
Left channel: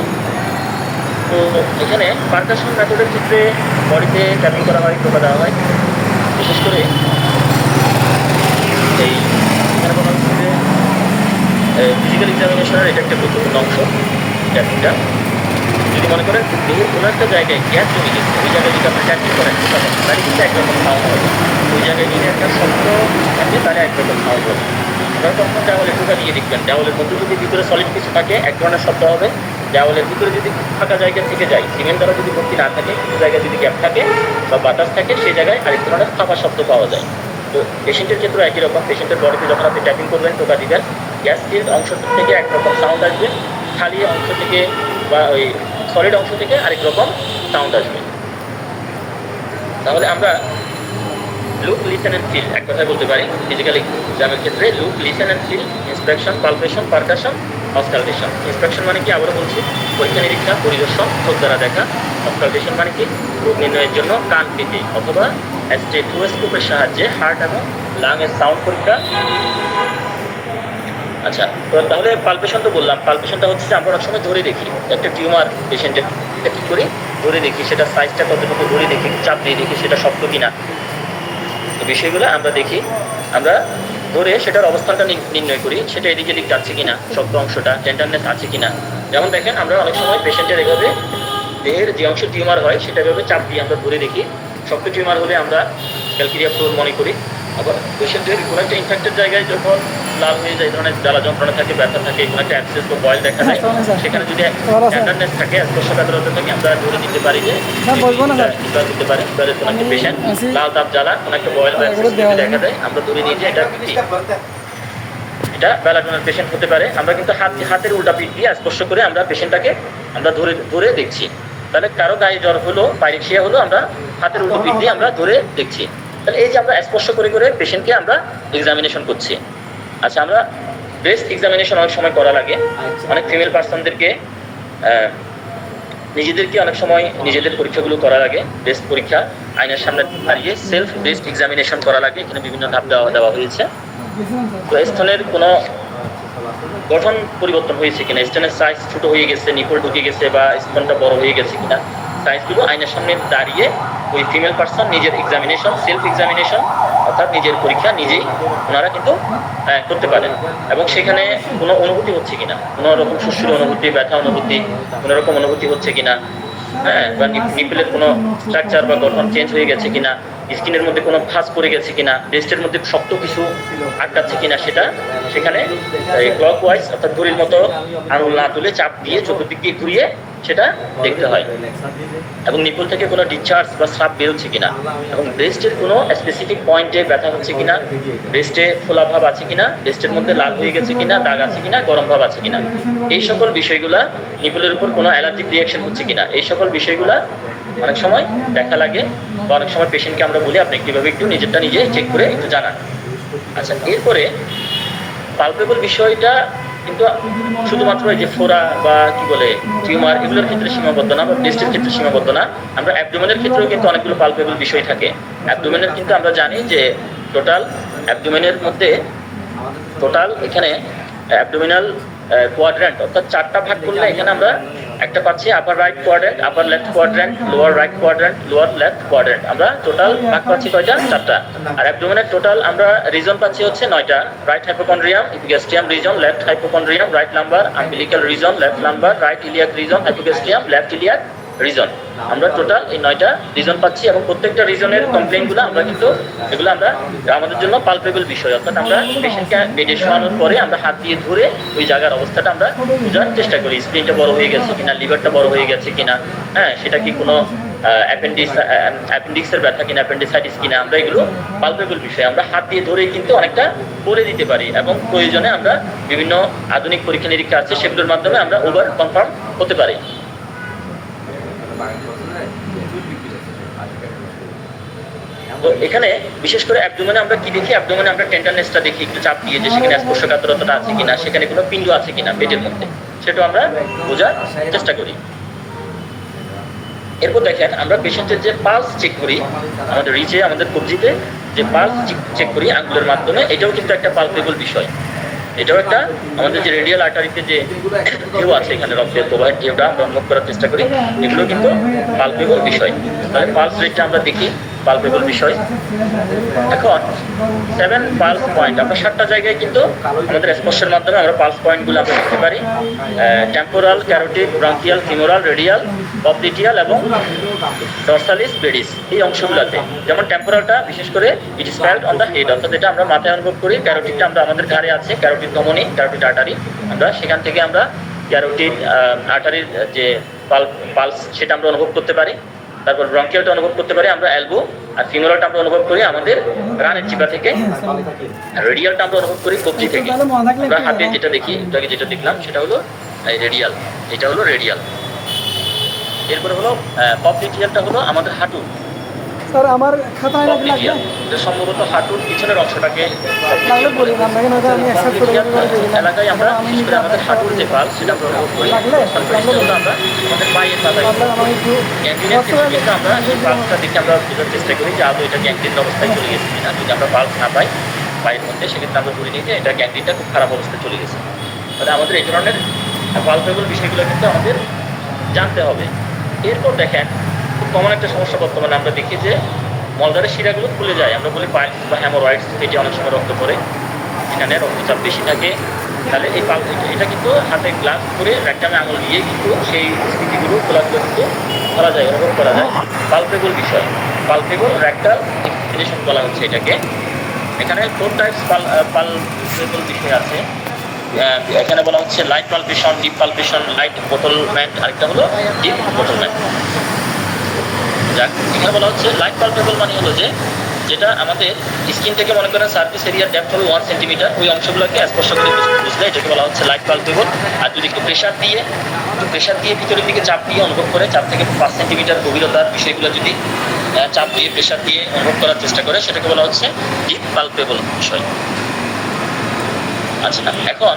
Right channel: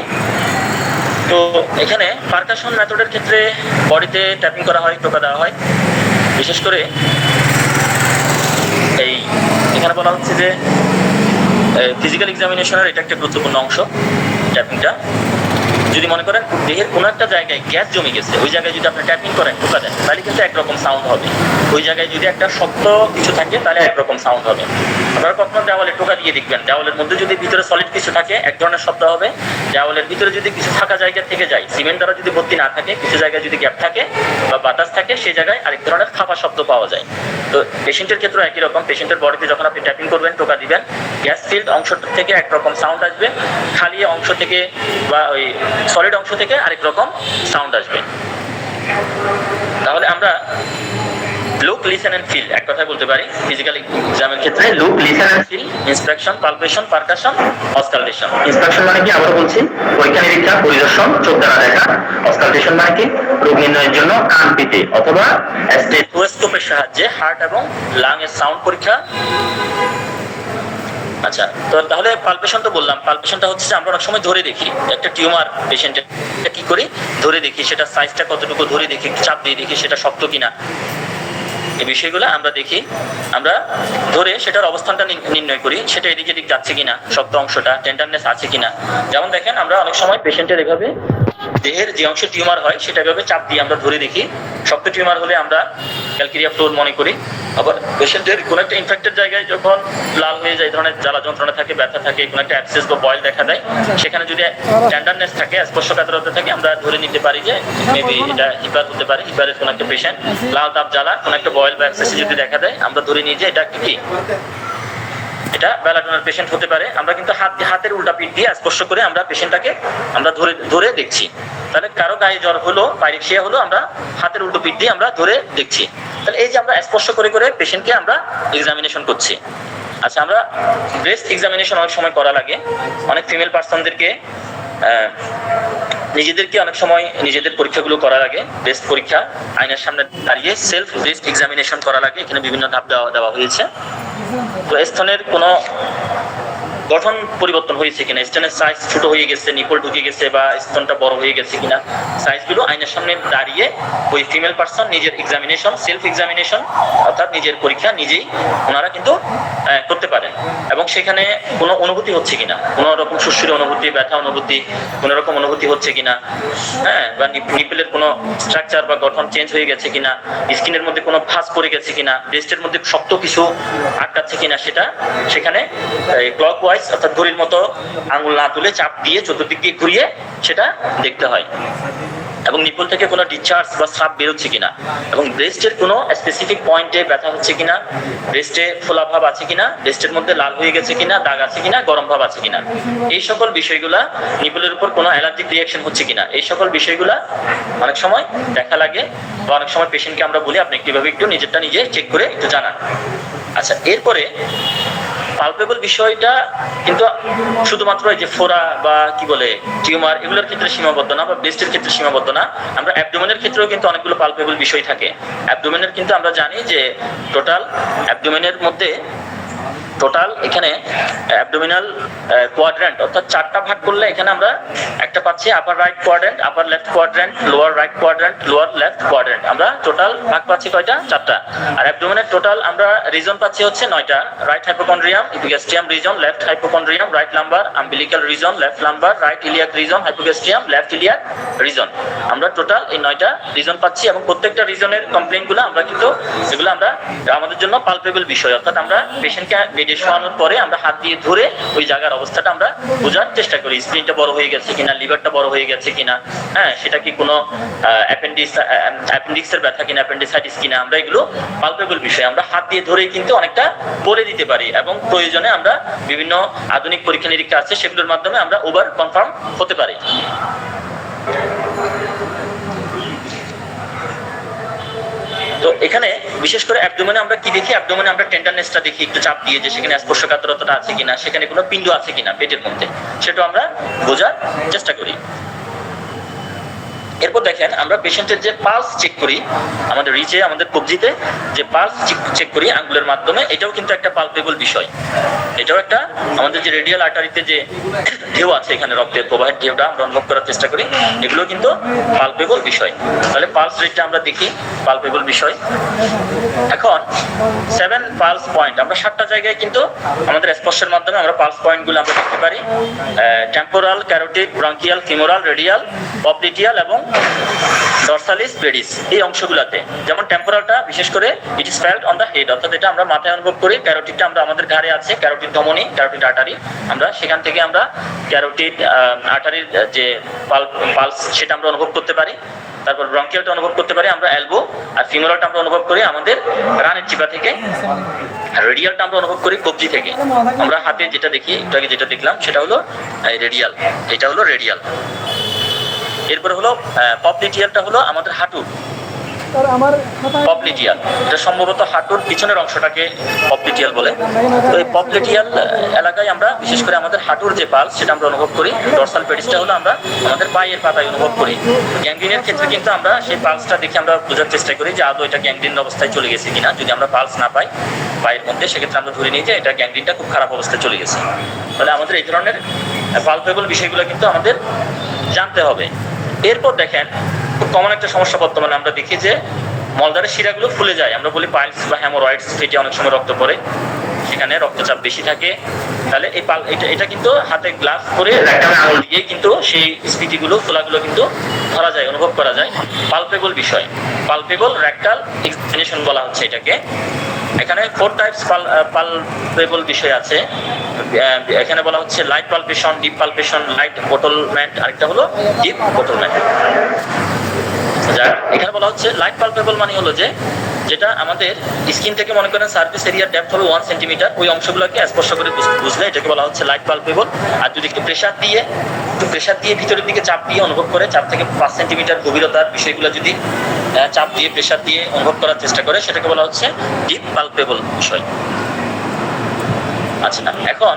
তো এখানে পারকাশন মেথডের ক্ষেত্রে বডিতে ট্যাপিং করা হয়, টোকা দেওয়া হয়। বিশেষ করে এই এখানে বলা হচ্ছে যে ফিজিক্যাল এক্সামিনেশনের এটা একটা গুরুত্বপূর্ণ অংশ ট্যাপিংটা। যদি মনে করেন দেহের কোনো একটা জায়গায় গ্যাস জমে গেছে, ওই জায়গায় যদি আপনি ট্যাপিং করেন টোকা দেন, তাহলে কিন্তু একরকম সাউন্ড হবে। ওই জায়গায় যদি একটা শক্ত কিছু থাকে তাহলে একরকম সাউন্ড হবে। আপনারা কখনো দেওয়ালে টোকা দিয়ে দেখবেন, দেওয়ালের মধ্যে যদি ভিতরে সলিড কিছু থাকে এক ধরনের শব্দ হবে, দেওয়ালের ভিতরে যদি কিছু থাকা জায়গা থেকে যায়, সিমেন্ট দ্বারা যদি ভর্তি না থাকে, কিছু জায়গায় যদি গ্যাপ থাকে বা বাতাস থাকে, সেই জায়গায় আরেক ধরনের ফাঁপা শব্দ পাওয়া যায়। তো পেশেন্টের ক্ষেত্রেও একই রকম, পেশেন্টের বডিতে যখন আপনি ট্যাপিং করবেন, টোকা দিবেন, গ্যাস ফিল্ড অংশ থেকে একরকম সাউন্ড আসবে, খালি অংশ থেকে বা ওই সলিড অংশ থেকে আরেক রকম সাউন্ড আসবে। তাহলে আমরা লুক, লিসেন অ্যান্ড ফিল এক কথায় বলতে পারি ফিজিক্যাল এক্সামের ক্ষেত্রে look, listen and feel, inspection, palpation, percussion, auscultation. Inspection মানে কি আবারও বলছি, পরীক্ষা নিরীক্ষা, পরিদর্শন, চোখ দ্বারা দেখা। অসকালটেশন মানে কি রোগ নির্ণয়ের জন্য কান পেতে অথবা স্টেথোস্কোপের সাহায্যে হার্ট এবং লাং এর সাউন্ড পরীক্ষা। আচ্ছা, তো তাহলে পালপেশন তো বললাম, পালপেশনটা হচ্ছে যে আমরা অনেক সময় ধরে দেখি একটা টিউমার পেশেন্টের, কি করি ধরে দেখি, সেটা সাইজটা কতটুকু ধরে দেখি, চাপ দিয়ে দেখি সেটা শক্ত কিনা, এই বিষয়গুলো আমরা দেখি। আমরা ধরে সেটার অবস্থানটা নির্ণয় করি, সেটা এদিক এদিক যাচ্ছে কিনা, শক্ত অংশটা টেন্ডারনেস আছে কিনা। যেমন দেখেন আমরা অনেক সময় পেশেন্টের এভাবে দেহের যে অংশে টিউমার হয় সেটা এভাবে চাপ দিয়ে আমরা ধরে দেখি। শক্ত টিউমার হলে আমরা ক্যালকেরিয়া ফ্লোর মনে করি। আবার পেশেন্টের কোনো একটা ইনফেক্টেড জায়গায় যখন লাল হয়ে যায়, ধরনের জ্বালা যন্ত্রণা থাকে, ব্যথা থাকে, কোনো একটা অ্যাবসেস বা বয়েল দেখা যায়, সেখানে যদি টেন্ডারনেস থাকে, স্পর্শকাতরতা থাকে, আমরা ধরে নিতে পারি যে মেবি এটা হিপার হতে পারে। হিপারের কোনো একটা পেশেন্ট লাল দাব জ্বালা, কোনো একটা বয়েল বা অ্যাবসেস যদি দেখা যায়, আমরা ধরে নিই যে এটা কি, এটা বেলাডোনার পেশেন্ট হতে পারে। আমরা কিন্তু হাতের উল্টা পিঠ দিয়ে স্পর্শ করে আমরা পেশেন্টটাকে আমরা ধরে দেখছি। তাহলে কারো গায়ে জ্বর হলো, পাইরেক্সিয়া হলো, আমরা হাতের উল্টো পিঠ দিয়ে আমরা ধরে দেখছি। তাহলে এই যে আমরা স্পর্শ করে পেশেন্টকে আমরা এক্সামিনেশন করছি। আচ্ছা, আমরা ব্রেস্ট এক্সামিনেশন অনেক সময় করা লাগে। অনেক ফিমেল পার্সনদেরকে নিজেদেরকে অনেক সময় নিজেদের পরীক্ষাগুলো করা লাগে। ব্রেস্ট পরীক্ষা আয়নার সামনে দাঁড়িয়ে সেলফ ব্রেস্ট এক্সামিনেশন করা লাগে। এখানে বিভিন্ন ধাপ দেওয়া হয়েছে। তো স্তনের কোনো গঠন পরিবর্তন হয়েছে কিনা, স্তনের সাইজ ছোট হয়ে গেছে, নিপল ঢুকে গেছে বা স্তনটা বড় হয়ে গেছে কিনা, সাইজগুলো আয়নার সামনে দাঁড়িয়ে ওই ফিমেল পার্সন নিজের এক্সামিনেশন, সেলফ এক্সামিনেশন অর্থাৎ নিজের পরীক্ষা নিজেই ওনারা কিন্তু করতে পারেন। এবং সেখানে কোনো অনুভূতি হচ্ছে কিনা, কোনো রকম সুশ্রী অনুভূতি, ব্যথা অনুভূতি, কোনো রকম অনুভূতি হচ্ছে কিনা, বা নিপলের কোনো স্ট্রাকচার বা গঠন চেঞ্জ হয়ে গেছে কিনা, স্কিনের মধ্যে কোনো ভাঁজ পড়ে গেছে কিনা, ব্রেস্টের মধ্যে শক্ত কিছু আটকাচ্ছে কিনা, সেটা সেখানে ক্লকওয়াইজ অর্থাৎ ঘড়ির মতো আঙুল না তুলে চাপ দিয়ে চতুর্দিক দিয়ে ঘুরিয়ে সেটা দেখতে হয়। এবং নিপল থেকে কোনো ডিসচার্জ বা স্রাব বেরোচ্ছে কিনা, এবং ব্রেস্টের কোনো স্পেসিফিক পয়েন্টে ব্যথা হচ্ছে কিনা, ব্রেস্টে ফোলা ভাব আছে কিনা, ব্রেস্টের মধ্যে লাল হয়ে গেছে কিনা, দাগ আছে কিনা, গরম ভাব আছে কিনা, এই সকল বিষয়গুলা, নিপলের উপর কোনো অ্যালার্জিক রিয়াকশন হচ্ছে কিনা, এই সকল বিষয়গুলা অনেক সময় দেখা লাগে। বা অনেক সময় পেশেন্টকে আমরা বলি আপনি কিভাবে একটু নিজেরটা নিজে চেক করে একটু জানান। আচ্ছা, এরপরে পালপেবল বিষয়টা কিন্তু শুধুমাত্র এই যে ফোড়া বা কি বলে টিউমার এগুলোর ক্ষেত্রে সীমাবদ্ধ না, বা ব্রেস্টের ক্ষেত্রে সীমাবদ্ধ না। আমরা অ্যাবডোমেনের ক্ষেত্রেও কিন্তু অনেকগুলো পালপেবল বিষয় থাকে। অ্যাবডোমেনের কিন্তু আমরা জানি যে টোটাল অ্যাবডোমেনের মধ্যে এখানে অ্যাবডোমিনাল কোয়াড্র্যান্ট অর্থাৎ চারটা ভাগ করলে এখানে আমরা একটা পাচ্ছি upper right quadrant, upper left quadrant, lower right quadrant, lower left quadrant. আমরা টোটাল ভাগ পাচ্ছি কয়টা? চারটা। আর অ্যাবডোমিনের টোটাল আমরা রিজন পাচ্ছি হচ্ছে 9টা। Right hypochondrium, epigastrium region, left hypochondrium, right lumbar, umbilical region, left lumbar, right iliac region, hypogastrium, left iliac region. আমরা টোটাল এই 9টা রিজন পাচ্ছি, এবং প্রত্যেকটা রিজনের কমপ্লেইনগুলো আমরা কিন্তু এগুলো আমরা আমাদের জন্য পালপেবল বিষয়। অর্থাৎ আমরা পেশেন্টকে বেডে শোয়ানোর পরে আমরা হাত দিয়ে ধরে ওই জায়গার অবস্থাটা আমরা বোঝার চেষ্টা করি। স্প্লিনটা বড় হয়ে গেছে কিনা, লিভারটা বড় হয়ে গেছে কিনা, সেটা কি কোনো অ্যাপেন্ডিক্সের ব্যথা কিনা, অ্যাপেন্ডিসাইটিস কিনা, আমরা এগুলো পালপেবল বিষয় আমরা হাত দিয়ে ধরেই কিন্তু অনেকটা পরে দিতে পারি। এবং প্রয়োজনে আমরা বিভিন্ন আধুনিক পরীক্ষা নিরীক্ষা আছে, সেগুলোর মাধ্যমে আমরা ওভার কনফার্ম হতে পারি। তো এখানে বিশেষ করে অ্যাবডোমেনে আমরা কি দেখি, অ্যাবডোমেনে আমরা টেন্ডারনেসটা দেখি একটু চাপ দিয়ে, যে সেখানে স্পর্শকাতরতা আছে কিনা, সেখানে কোনো পিণ্ড আছে কিনা পেটের মধ্যে, সেটাও আমরা বোঝার চেষ্টা করি। এরপর দেখেন আমরা পেশেন্টের যে পালস চেক করি, আমাদের রিচে আমাদের কবজিতে যে পালস চেক করি আঙ্গুলের মাধ্যমে, এটাও কিন্তু একটা পালপেবল বিষয়। এটাও একটা আমাদের যে রেডিয়াল আর্টারিতে যে ঢেউ আছে, এখানে রক্তের প্রবাহের ঢেউটা আমরা অনুভব করার চেষ্টা করি, এগুলো কিন্তু পালপেবল বিষয়। তাহলে পালস রেটটা আমরা দেখি, পালপেবল বিষয়। এখন 7 পালস পয়েন্ট, আমরা 7টা জায়গায় কিন্তু আমাদের স্পর্শের মাধ্যমে আমরা পালস পয়েন্টগুলো আমরা দেখতে পারি। Temporal, carotid, bronchial, femoral, radial, popliteal এবং ডরসালিস পেডিস, এই অংশগুলোতে। যেমন টেম্পোরালটা বিশেষ করে it is felt on the head, অর্থাৎ এটা আমরা মাথায় অনুভব করি। ক্যারোটিডটা আমরা আমাদের ঘাড়ে আছে, ক্যারোটিড ধমনী, ক্যারোটিড আর্টারি, আমরা সেখান থেকে আমরা ক্যারোটিড আর্টারির যে পালস সেটা আমরা অনুভব করতে পারি। তারপর ব্রঙ্কিয়ালটা অনুভব করতে পারি আমরা এলবো, আর ফিমোরালটা আমরা অনুভব করি আমাদের রানের চিপা থেকে, আর রেডিয়ালটা আমরা অনুভব করি কবজি থেকে। আমরা হাতে যেটা দেখি, একটু আগে যেটা দেখলাম সেটা হলো রেডিয়াল, এটা হলো রেডিয়াল। এরপরে হলো পপলিটিয়ালটা হলো আমাদের হাঁটু, পপলিটিয়াল, এটা সম্ভবত হাঁটুর পিছনের অংশটাকে পপলিটিয়াল বলে। তো এই পপলিটিয়াল এলাকায় আমরা বিশেষ করে আমাদের হাঁটুর যে পালস সেটা আমরা অনুভব করি। ডরসাল পেডিসটা হলো আমরা আমাদের পায়ের পাতায় অনুভব করি। গ্যাংগ্রিনের ক্ষেত্রে কিন্তু আমরা সেই পালসটা দেখে আমরা বোঝার চেষ্টা করি যে আদৌ এটা গ্যাংগ্রিন অবস্থায় চলে গেছে কিনা। যদি আমরা পালস না পাই পায়ের মধ্যে, সেক্ষেত্রে আমরা ধরে নিই যে এটা গ্যাংগ্রিনটা খুব খারাপ অবস্থায় চলে গেছে। তাহলে আমাদের এই ধরনের পালপেবল বিষয়গুলো কিন্তু আমাদের জানতে হবে। এরপর দেখেন খুব কমন একটা সমস্যা বর্তমানে আমরা দেখি যে মলদ্বারের শিরাগুলো ফুলে যায়, আমরা বলি পাইলস বা হ্যামোরয়েডস, ফেটে অনেক সময় রক্ত পড়ে, সেখানে রক্তচাপ বেশি থাকে। তাহলে এই এটা কিন্তু হাতে গ্লাভ করে র্যাকটামে আঙুল দিয়ে কিন্তু সেই স্ফীতিগুলো ফোলাগুলো কিন্তু ধরা যায়, অনুভব করা যায়। পালপেবল বিষয়, পালপেবল র্যাকটাল এক্সপ্লেনেশন বলা হচ্ছে এটাকে। এখানে 4 টাইপস পালপেবল বিষয় আছে। এখানে বলা হচ্ছে light palpation, deep palpation, light ballottement, আরেকটা হলো ডিপ বোটলমেন্ট। যাক, এখানে বলা হচ্ছে লাইট পালপেবল মানে হলো যে যেটা আমাদের স্কিন থেকে মনে করেন সার্ফেস এরিয়ার ডেপথ হবে 1 সেন্টিমিটার, ওই অংশগুলোকে স্পর্শ করে বুঝলে এটাকে বলা হচ্ছে লাইট পালপেবল। আর যদি একটু প্রেশার দিয়ে ভিতরের দিকে চাপ দিয়ে অনুভব করে, চাপ থেকে 5 সেন্টিমিটার গভীরতার বিষয়গুলো যদি চাপ দিয়ে প্রেশার দিয়ে অনুভব করার চেষ্টা করে, সেটাকে বলা হচ্ছে ডিপ পালপেবল বিষয়। আচ্ছা, এখন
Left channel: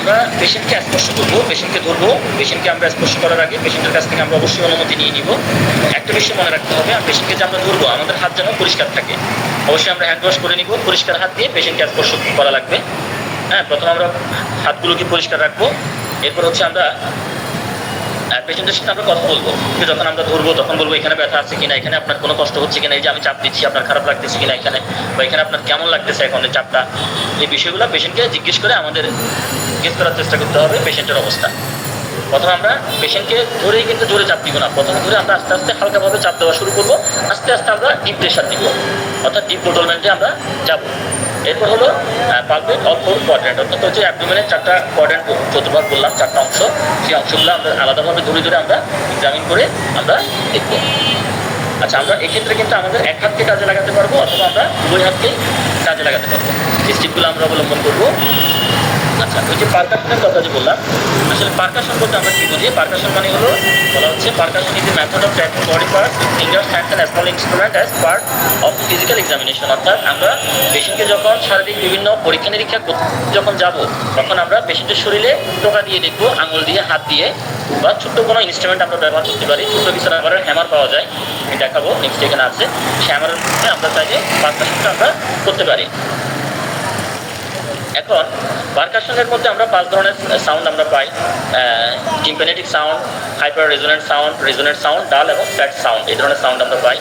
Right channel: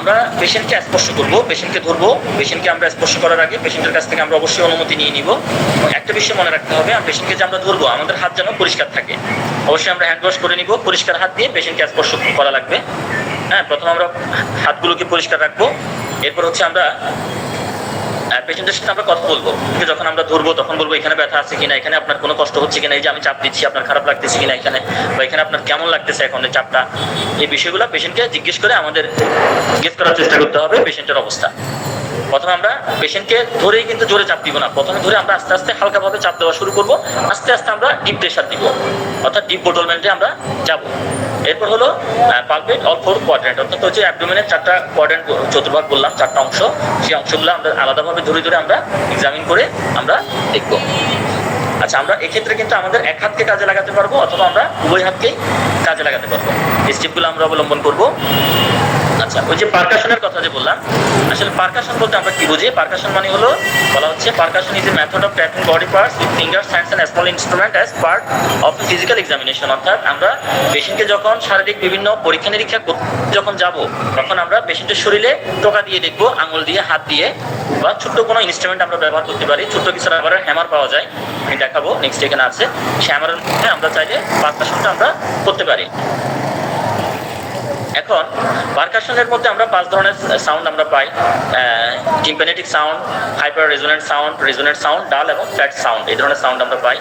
আমরা পেশেন্টকে স্পর্শ করবো, পেশেন্টকে ধরবো, পেশেন্টকে আমরা স্পর্শ করার আগে পেশেন্টের কাছ থেকে আমরা অবশ্যই অনুমতি নিয়ে নিব। এবং একটা বিষয় মনে রাখতে হবে, পেশেন্টকে যে আমরা ধরবো আমাদের হাত যেন পরিষ্কার থাকে। অবশ্যই আমরা হ্যান্ড ওয়াশ করে নিব, পরিষ্কার হাত দিয়ে পেশেন্টকে স্পর্শ করা লাগবে। হ্যাঁ, প্রথমে আমরা হাতগুলোকে পরিষ্কার রাখবো। এরপর হচ্ছে আমরা পেশেন্টের সাথে আমরা কথা বলবো, যখন আমরা ধরবো তখন বলবো এখানে ব্যথা আছে কিনা, এখানে আপনার কোনো কষ্ট হচ্ছে কিনা, এই যে আমি চাপ দিচ্ছি আপনার খারাপ লাগতেছে কিনা এখানে, বা এখানে আপনার কেমন লাগতেছে এখন এই চাপটা, এই বিষয়গুলো পেশেন্টকে জিজ্ঞেস করে আমাদের জিজ্ঞেস করার চেষ্টা করতে হবে পেশেন্টের অবস্থা। প্রথমে আমরা পেশেন্টকে ধরেই কিন্তু জোরে চাপ দিব না, প্রথমে ধরে আমরা আস্তে আস্তে হালকাভাবে চাপ দেওয়া শুরু করবো, আস্তে আস্তে আমরা ডিপ প্রেশার দিব, অর্থাৎ ডিপ বোটলমেন্টে আমরা যাব। এরপর হলো পালপেট অল 4 কোয়াড্রেন্ট, অর্থাৎ হচ্ছে অ্যাবডোমেনের 4টা কোয়াড্রেন্ট, চতুর্ভাগ বললাম, 4টা অংশ, সেই অংশগুলো আমরা আলাদাভাবে ধরে ধরে আমরা এক্সামিন করে আমরা দেখব। আচ্ছা, আমরা এক্ষেত্রে কিন্তু আমাদের এক হাতকে কাজে লাগাতে পারবো, অথবা আমরা উভয় হাতকেই কাজে লাগাতে পারবো। এই স্টেপগুলো আমরা অবলম্বন করবো। আচ্ছা, ওই যে পারকাশনের কথা যে বললাম, আসলে পারকাশন বলতে আমরা কি বুঝি? পারকাশন মানে হলো বলা হচ্ছে percussion is a method of tracking body parts with fingers, hands and small instrument as part of the physical examination. অর্থাৎ আমরা পেশেন্টকে যখন শারীরিক বিভিন্ন পরীক্ষা নিরীক্ষা যখন যাব, তখন আমরা পেশেন্টের শরীরে টোকা দিয়ে দেখবো, আঙুল দিয়ে, হাত দিয়ে, বা ছোট্ট কোনো ইনস্ট্রুমেন্ট আমরা ব্যবহার করতে পারি। ছোট্ট কিছু রাবারের হ্যামার পাওয়া যায়, আমি দেখাবো নেক্সট, এখানে আছে। সেই হ্যামারের মধ্যে আমরা চাইলে পারকাশনটা আমরা করতে পারি। এখন পারকাশনের মধ্যে আমরা 5 ধরনের সাউন্ড আমরা পাই: টিম্প্যানেটিক সাউন্ড, হাইপার রেজোনেন্ট সাউন্ড, ডাল এবং ফ্ল্যাট সাউন্ড, এই ধরনের সাউন্ড আমরা পাই।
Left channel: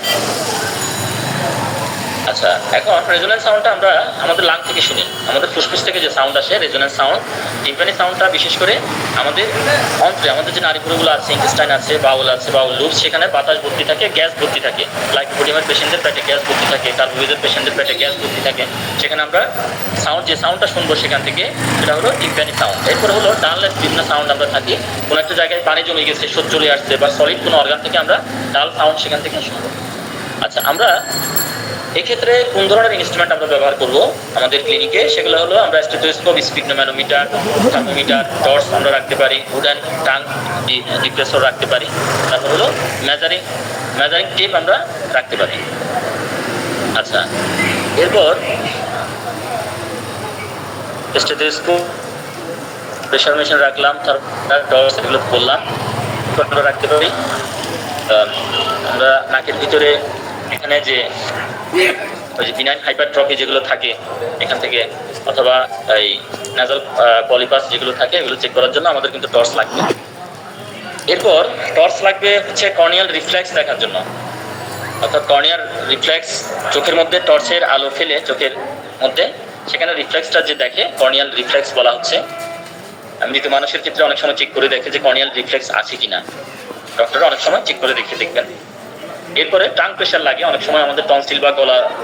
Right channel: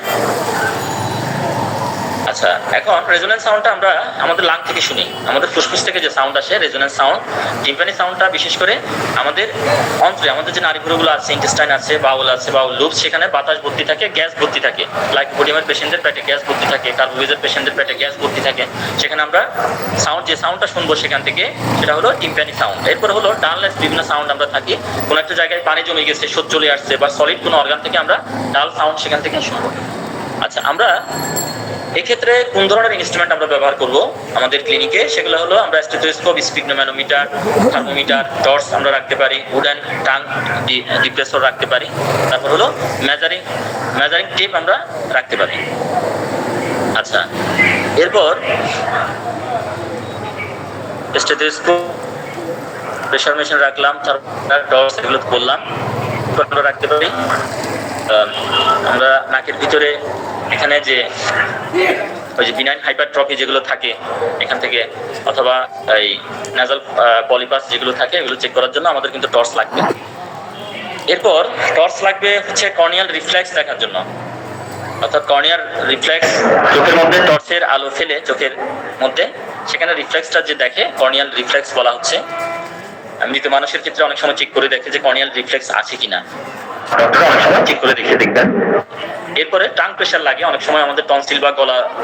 আচ্ছা, এখন রেজোনেন্ট সাউন্ডটা আমরা আমাদের লাং থেকে শুনি, আমাদের ফুসফুস থেকে যে সাউন্ড আসে রেজোনেন্ট সাউন্ড। টিম্প্যানি সাউন্ডটা বিশেষ করে আমাদের অন্ত্রে, আমাদের যে নাড়িভুঁড়িগুলো আছে, ইন্টেস্টাইন আছে, বাউল লুপস, সেখানে বাতাস ভর্তি থাকে, গ্যাস ভর্তি থাকে। লাইকোপোডিয়ামের পেশেন্টদের পেটে গ্যাস ভর্তি থাকে, কার্বোভেজের পেশেন্টদের পেটে গ্যাস ভর্তি থাকে। সেখানে আমরা যে সাউন্ডটা শুনবো সেখান থেকে, সেটা হলো টিম্প্যানি সাউন্ড। এরপর হলো ডাললেস বিভিন্ন সাউন্ড আমরা থাকি, কোনো একটা জায়গায় পানি জমে গেছে, স্রোত চলে আসছে, বা সলিড কোনো অর্গান থেকে আমরা ডাল সাউন্ড সেখান থেকে শুনবো। আচ্ছা, আমরা এক্ষেত্রে কোন ধরনের ইনস্ট্রুমেন্ট আমরা ব্যবহার করব আমাদের ক্লিনিকে, সেগুলো হলো আমরা স্টেথোস্কোপ, স্পিগনোম্যানোমিটার, থার্মোমিটার, টর্চ আমরা রাখতে পারি, উডেন টাং ডিপ্রেসর রাখতে পারি, তারপর হলো মেজারিং টেপ আমরা রাখতে পারি। আচ্ছা, এরপর স্টেথোস্কোপ, প্রেশার মেশিন রাখলাম, টর্চ এগুলো বললাম আমরা রাখতে পারি। আমরা নাকের ভিতরে এখানে যে ওই যে বিনাইন হাইপারট্রফি যেগুলো থাকে এখান থেকে, অথবা এই নাজাল পলিপাস যেগুলো থাকে এগুলো চেক করার জন্য আমাদের কিন্তু টর্চ লাগবে। এরপর টর্চ লাগবে হচ্ছে কর্নিয়াল রিফ্লেক্স দেখার জন্য, অর্থাৎ কর্নিয়াল রিফ্লেক্স, চোখের মধ্যে টর্চের আলো ফেলে চোখের মধ্যে সেখানে রিফ্লেক্সটা যে দেখে কর্নিয়াল রিফ্লেক্স বলা হচ্ছে। মৃত মানুষের ক্ষেত্রে অনেক সময় চেক করে দেখে যে কর্নিয়াল রিফ্লেক্স আছে কিনা, ডক্টররা অনেক সময় চেক করে দেখবেন। এরপরে টাং প্রেশার লাগে, অনেক সময় আমাদের টনসিল বা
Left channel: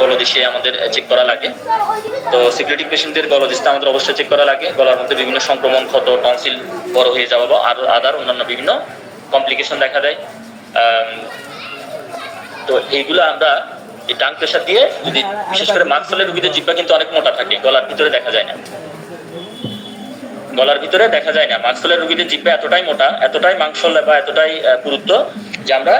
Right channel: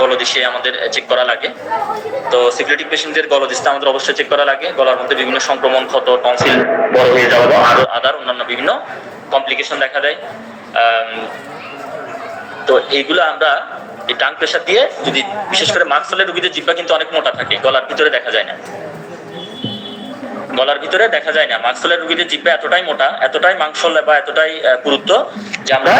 গলদেশে আমাদের চেক করা লাগে। তো সিফিলিটিক পেশেন্টদের গলদেশটা আমাদের অবশ্যই চেক করা লাগে। গলার মধ্যে বিভিন্ন সংক্রমণ, ক্ষত, টনসিল বড় হয়ে যাওয়া বা আরো আদার অন্যান্য বিভিন্ন কমপ্লিকেশন দেখা দেয়। তো এইগুলো আমরা এই টাং প্রেশার দিয়ে, যদি বিশেষ করে মাস্কলের রোগীদের জিহ্বা কিন্তু অনেক মোটা থাকে, গলার ভিতরে দেখা যায় না, মাস্কলের রোগীদের জিহ্বা এতটাই মোটা, এতটাই মাংসল বা এতটাই পুরুত্ব যে আমরা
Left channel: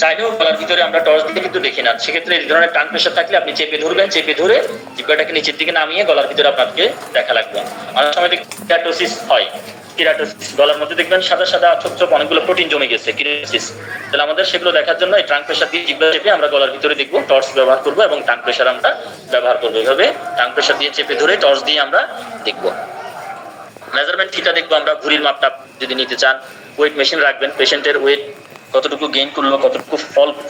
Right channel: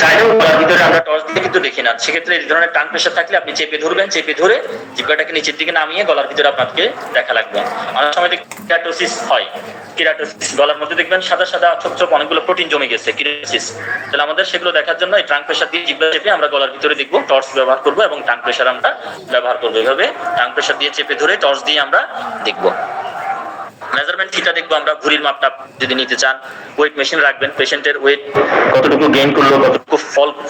চাইলেও গলার ভিতরে আমরা টর্চ দিয়ে কিন্তু দেখি না। সেক্ষেত্রে এই ধরনের টাং প্রেশার থাকলে আপনি চেপে ধরবেন, চেপে ধরে জিহ্বাটাকে নিচের দিকে নামিয়ে গলার ভিতরে আপনাকে দেখা লাগবে। অনেক সময় কিরাটোসিস হয়, কিরাটোসিস গলার মধ্যে দেখবেন সাদা সাদা ছোপ ছোপ অনেকগুলো প্রোটিন জমে গেছে, কিরাটোসিস। তাহলে আমাদের সেগুলো দেখার জন্য এই টাং প্রেশার দিয়ে জিহ্বা চেপে আমরা গলার ভিতরে দেখবো, টর্চ ব্যবহার করবো এবং টাং প্রেশার আমরা ব্যবহার করবো। এইভাবে টাং প্রেশার দিয়ে চেপে ধরে টর্চ দিয়ে আমরা দেখবো। মেজারমেন্ট থিটা দেখবো আমরা, ভুঁড়ির মাপটা যদি নিতে চান, ওয়েট মেশিন রাখবেন, পেশেন্টের ওয়েট কতটুকু গেইন করলো, কতটুকু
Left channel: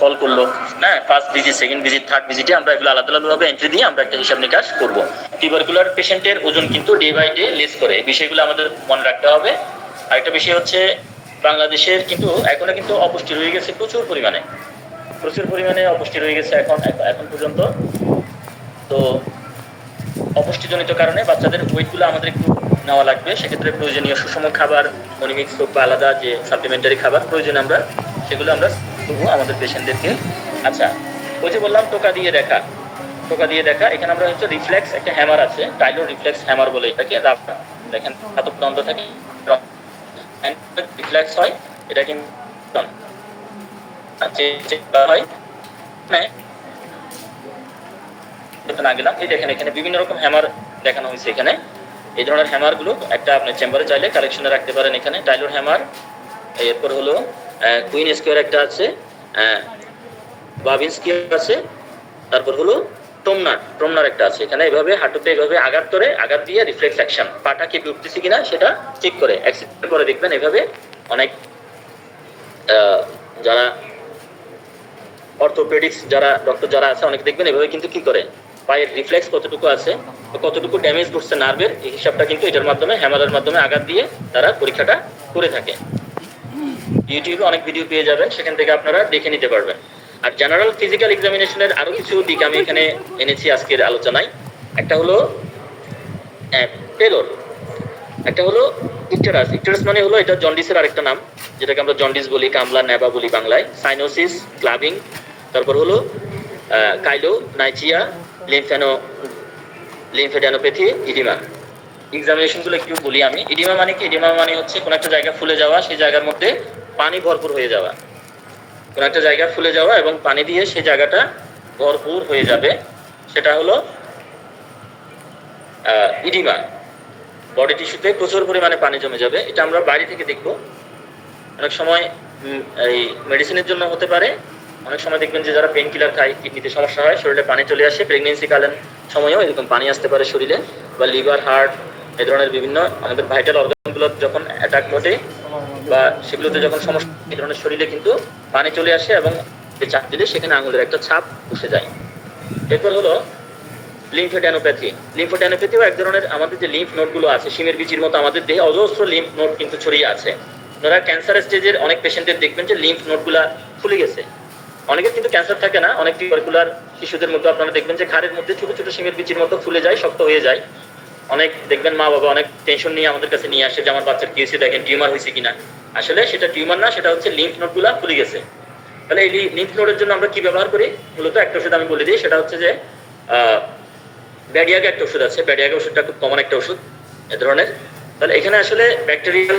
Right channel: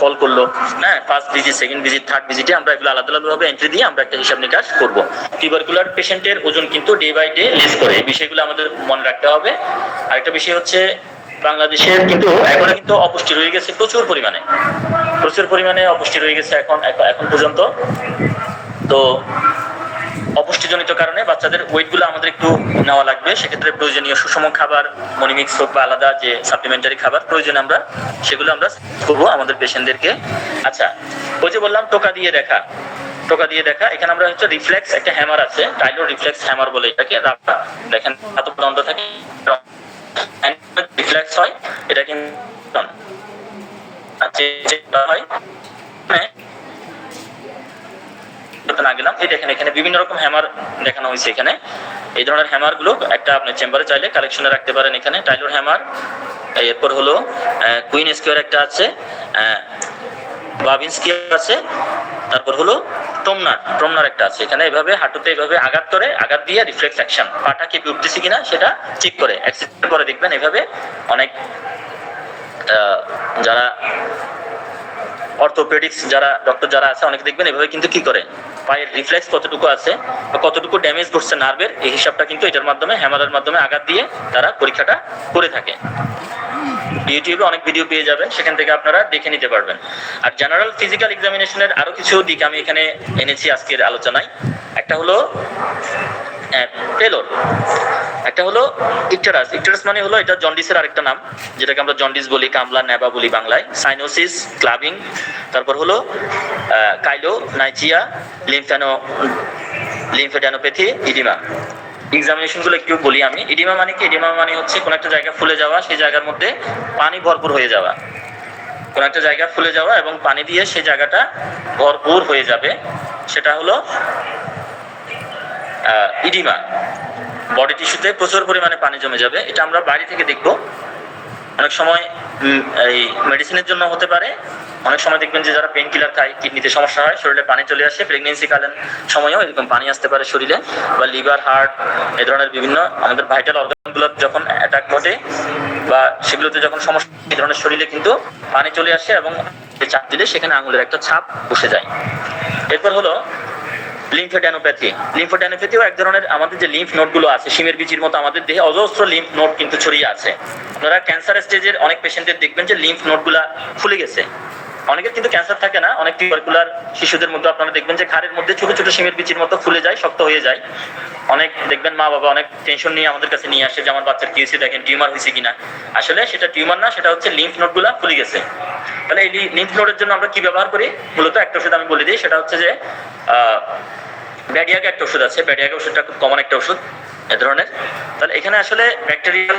ফল করলো, হ্যাঁ, first visit, second visit, third ভিজিটে আমরা এগুলো আলাদা আলাদাভাবে এন্ট্রি দিয়ে আমরা একটা হিসাব নিকাশ করবো। টিউবারকুলার পেশেন্টের ওজন কিন্তু ডে বাই ডে লেস করে, এই বিষয়গুলো আমাদের মনে রাখতে হবে। আরেকটা বিষয় হচ্ছে বাংলাদেশের কিন্তু এখনো কিন্তু অপুষ্টি রয়ে গেছে প্রচুর পরিমাণে অপুষ্টি রয়ে গেছে এখন পর্যন্ত। তো অপুষ্টিজনিত কারণে বাচ্চাদের ওয়েটগুলো আমাদের একটু নেওয়া লাগবে। সেক্ষেত্রে প্রয়োজনীয় সুষম খাবার, মনিমিক্স হোক বা আলাদা যে সাপ্লিমেন্টারি খাবার প্রয়োজন আমরা সেগুলো আমরা করবো আমাদের পেশেন্টদেরকে। আচ্ছা, ওই যে বললাম টোকা দিয়ে দেখা, এখানে আমরা হচ্ছে রিফ্লেক্স একটা হ্যামার আছে, টাইলো রিফ্লেক্স হ্যামার বলে এটাকে, দেখেন হাত বন্ধ থাকে, রিফ্লেক্স হয়, এটা কিন্তু হয় না গেলাম। এই দেখেন এখানে বিভিন্ন রকম হ্যামার দেখানো হয়েছে। এখানে এই ধরনের হ্যামার গুলো একটা আপনি চেম্বারে চাইলে কালেকশনে রাখতে পারেন। এখানে টাইলোর হ্যামার, এরপর হলো কুইন স্কোয়ার একটা আছে, বাবিন স্কোয়ার আছে, তারপর হলো ট্রমনার একটা আছে। এখানে এভাবে হাঁটুতে এভাবে আঘাত দিয়ে রিফ্লেক্স অ্যাকশন, পাটা কেঁপে উঠতেছে কিনা সেটা চেক করে এক্সারসাইজ করে দেখবেন। এভাবে অনেক যারা অর্থোপেডিক্স ডক্টর যারা আছে অনেকে দেখবেন এভাবে কিন্তু কি করে, পায়ের রিফ্লেক্স কতটুকু আছে বা কতটুকু ড্যামেজ ঘটছে নার্ভের, এই হিসাবটা কিন্তু এটার মাধ্যমে, হ্যামারের মাধ্যমে আঘাত দিয়ে তারা পরীক্ষাটা করে থাকে। ইউটিউবে অনেক ভিডিও পেয়ে যাবেন, সেখান থেকে আপনারা দেখে নিতে পারবেন। আর জেনারেল ফিজিক্যাল এক্সামিনেশনের আরো কিছু দিক আমি এখানে এনেছি আজকের আলোচনায়। একটা হলো পেলোর, একটা হলো ইকটারাস মানে হলো এটা জন্ডিসের আরেকটা নাম, যেটাকে আমরা জন্ডিস বলি, কামলা নেবা বলি বাংলায়, সাইনোসিস, ক্লাবিং, তারপর হলো কাইলোনাইচিয়া, লিম্ফেডেনোপ্যাথি, ইডিমা। এক্সামিনেশনগুলো একটু বলি আমি। ইডিমা মানে কি? ইডিমা মানে হচ্ছে কোনো একটা জায়গা ফুলে যাওয়া, সেই জায়গার মধ্যে পানি ভরপুর হয়ে যাওয়া, কোনো একটা জায়গা ফুলে যাওয়া এবং পানি দিয়ে সেই জায়গাটা ভরপুর হয়ে যাবে, সেটা হলো ইডিমা। বডি টিস্যুতে প্রচুর পরিমাণে পানি জমে যাবে, এটা আমরা বাইরে থেকে দেখব। অনেক সময় এই মেডিসিনের জন্য হতে পারে, অনেক সময় দেখবেন যে যারা পেন কিলার খায় কিডনিতে সমস্যা হয়, শরীরে পানি চলে আসে, প্রেগনেন্সি কালীন সময়ও এরকম পানি আসতে পারে শরীরে, বা লিভার, হার্ট, এই ধরনের বিভিন্ন আমাদের ভাইটাল অর্গানগুলো যখন অ্যাটাক ঘটে বা সেগুলোতে যখন সমস্যা, এই ধরনের শরীরে কিন্তু পানি চলে আসে এবং চাপ দিলে সেখানে আঙুলের একটা ছাপ বসে যায়। এরপর হলো লিম্ফোডেনোপ্যাথিও এক ধরনের, আমাদের যে লিম্ফ নোডগুলো আছে শিমের বিচির মতো আমাদের দেহে অজস্র লিম্ফ নোড কিন্তু ছড়িয়ে আছে। আপনারা ক্যান্সার স্টেজের অনেক পেশেন্টদের দেখবেন যে লিম্ফ নোডগুলা ফুলে গেছে। অনেকের কিন্তু ক্যান্সার থাকে না, অনেক টিউবারকুলার শিশুদের মধ্যে আপনারা দেখবেন যে ঘাড়ের মধ্যে ছোট ছোট শিমের বিচির মতো ফুলে যায়, শক্ত হয়ে যায়। অনেক দেখবেন মা বাবা অনেক টেনশন নিয়ে আমাদের কাছে নিয়ে আসে যে আমার বাচ্চার কি হয়েছে, দেখেন টিউমার হয়েছে কিনা। আসলে সেটা টিউমার না, সেটা হচ্ছে লিম্ফ নোডগুলা ফুলে গেছে। তাহলে এই লিম্ফ নোডের জন্য আমরা কি ব্যবহার করি? মূলত একটা ওষুধ আমি বলে দিই, সেটা হচ্ছে যে ব্যাডিয়াগা একটা ওষুধ আছে। ব্যাডিয়াগা ওষুধটা খুব কমন একটা ওষুধ এ ধরনের। তাহলে এখানে আসলে ব্যাকটেরিয়াল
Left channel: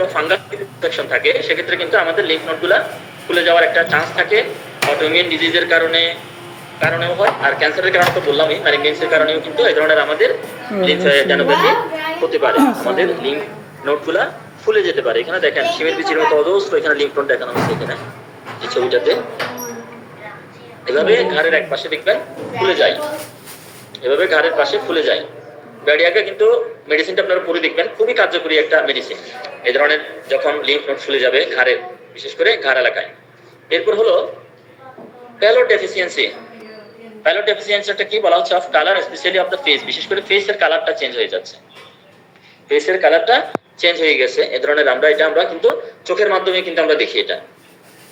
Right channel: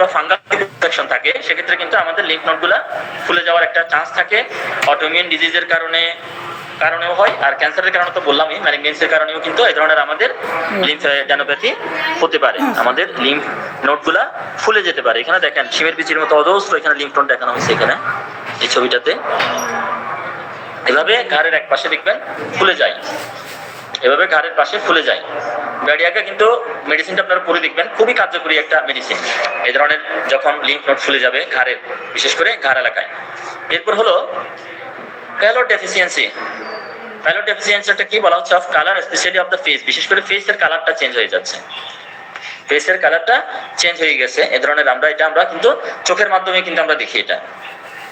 বা ফাঙ্গাল ইনফেকশন থাকে, সেক্ষেত্রে কিন্তু আমাদের লিম্ফ নোডগুলা ফুলে যাওয়ার একটা চান্স থাকে। অটোইমিউন ডিজিজের কারণেও হয়, আর ক্যান্সারের কারণে তো বললামই, ম্যালিগনেন্সির কারণেও কিন্তু এই ধরনের আমাদের লিম্ফোডেনোপ্যাথি হতে পারে। আমাদের লিম্ফ নোডগুলা ফুলে যেতে পারে। এখানে দেখেন শিমের বিচির মতো অজস্র এখানে লিম্ফ নোড দেখানো হয়েছে এখানে এই ছবিটাতে। এভাবে ঘাড়ের এক পাশে দেখবেন ফুলে যায়, এভাবে ঘাড়ের পাশে ফুলে যায়। ব্যাডিয়াগা কিন্তু মেডিসিনটা আপনারা পরে দেখবেন, খুবই কার্যকরী একটা মেডিসিন এই ধরনের যখন লিম্ফ নোড ফুলে যাবে ঘাড়ের, বিশেষ করে ঘাড় এলাকায়। এরপর হলো প্যালোড ডেফিসিয়েন্সি। প্যালোড ডেফিসিয়েন্সিটা কি বলা হচ্ছে? Of colour, specially of the face. বিশেষ করে ফেসের কালারটা চেঞ্জ হয়ে যাচ্ছে, ফেসের কালারটা চেঞ্জ হয়ে গেছে এ ধরনের। আমরা কিন্তু চোখের মাধ্যমে কিন্তু আমরা দেখি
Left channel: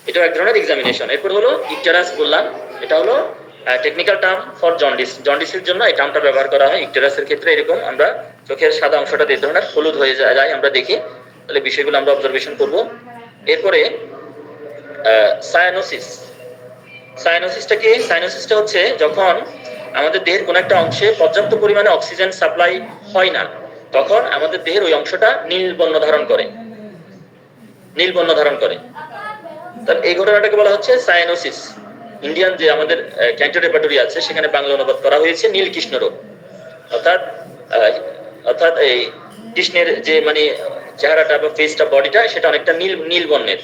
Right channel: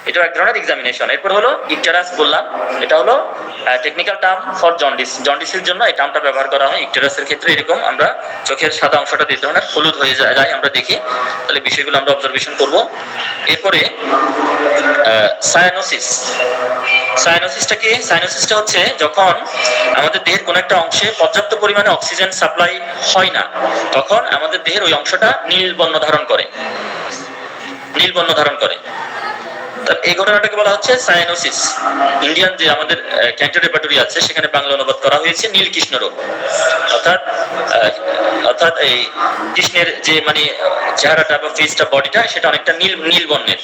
এটাও এক ধরনের এক্সামিনেশন। এরপর হলো ইকটেরাস বললাম, এটা হলো টেকনিক্যাল টার্ম ফর জন্ডিস। জন্ডিসের জন্য এই টার্মটা ব্যবহার করা হয়। ইকটেরাসের ক্ষেত্রে এরকম আমরা চোখের সাদা অংশটা এই ধরনের হলুদ হয়ে যায় আমরা দেখি, তাহলে বিষয়গুলো আমরা অবজারভেশন করব। এরপরে সায়ানোসিস। সায়ানোসিসটা কি? সায়ানোসিসটা হচ্ছে যখন আমাদের দেহের কোনো একটা অংশে পর্যাপ্ত পরিমাণে অক্সিজেন সাপ্লাই হয় না, তখন আমাদের দেহের ওই অংশটা নীল বর্ণ ধারণ করে, নীল বর্ণ ধারণ করে। এই ঘটনাটাকে বলা হচ্ছে সায়ানোসিস। ইন্ডিয়ান যে আমাদের ক্যান্সার রেপার্টরি আছে সেখানে বাংলা অনুবাদ করা হয়েছে নীল কৃষ্ণ রোগ। অর্থাৎ এই কৃষ্ণের যে মানে চেহারাটা বা ফেসটা, বডিটা, সেটা অনেকটা নীল বর্ণের।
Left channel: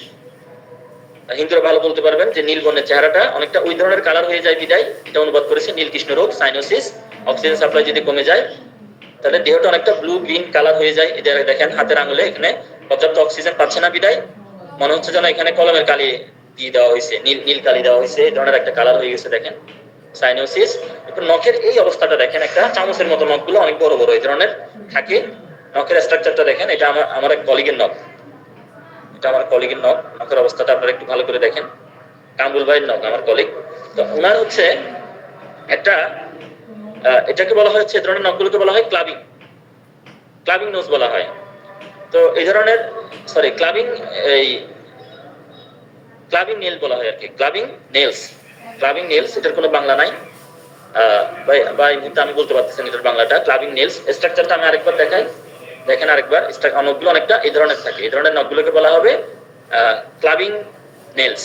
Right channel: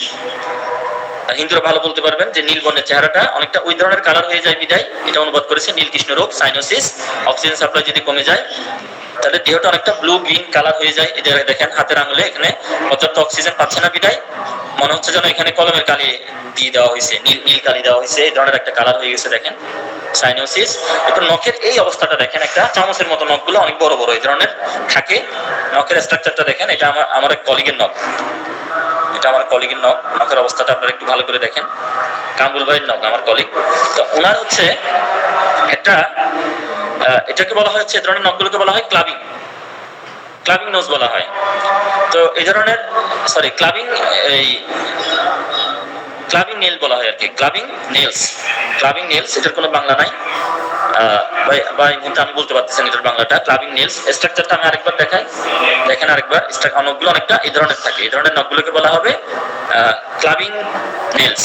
হিন্দুরা ভালো বলতে পারবেন যে নীল বর্ণের চেহারাটা অনেকটা ওই ধরনের কালার হয়ে যায় বিদায় এটা অনুবাদ করেছে নীল কৃষ্ণ রোগ, সাইনোসিস। অক্সিজেন সাপ্লাই যদি কমে যায় তাহলে দেহটা অনেকটা ব্লু গ্রিন কালার হয়ে যায়। এটা দেখেন হাতের আঙুলে এখানে পর্যাপ্ত অক্সিজেন পাচ্ছে না বিদায় মনে হচ্ছে যেন এখানে কলমের কালি দিয়ে দেওয়া হয়েছে, নীল কালি দেওয়া হয়েছে, এই ধরনের একটা কালার হয়ে গেছে দেখেন, সাইনোসিস। এরপর নখের এই অবস্থাটা দেখেন, একটা চামচের মতো নখগুলো অনেক বড় বড় এই ধরনের থাকে। নখের স্ট্রাকচারটা দেখেন, এটা আমার এক কলিগের নখ, এটা আমার কলিগের নখ। নখের অবস্থাটা আপনারা একটু ভালো করে দেখেন, কামরুল ভাইয়ের নখ, আমার কলিগ। তো ওনার হচ্ছে একটা এটাকে বলা হচ্ছে, এই ধরনের নখগুলোকে বলা হয় ক্লাবিং নোজ বলা হয়। তো এই ধরনের ক্লাবিং নেল বলা হয় আর কি, ক্লাবিং নেলস। এটার কোনো বাংলা নাই বা এই মুহূর্তে আমি বলতে পারতেছি এটার বাংলাটা। ক্লাবিং নেলস স্ট্রাকচারটা আমি আরেকবার দেখাই, দেখেন আরেকবার। নখগুলো অনেকটা এই ধরনের থাকে, এই ধরনের নখগুলোকে বলা হবে ক্লাবিং নেলস।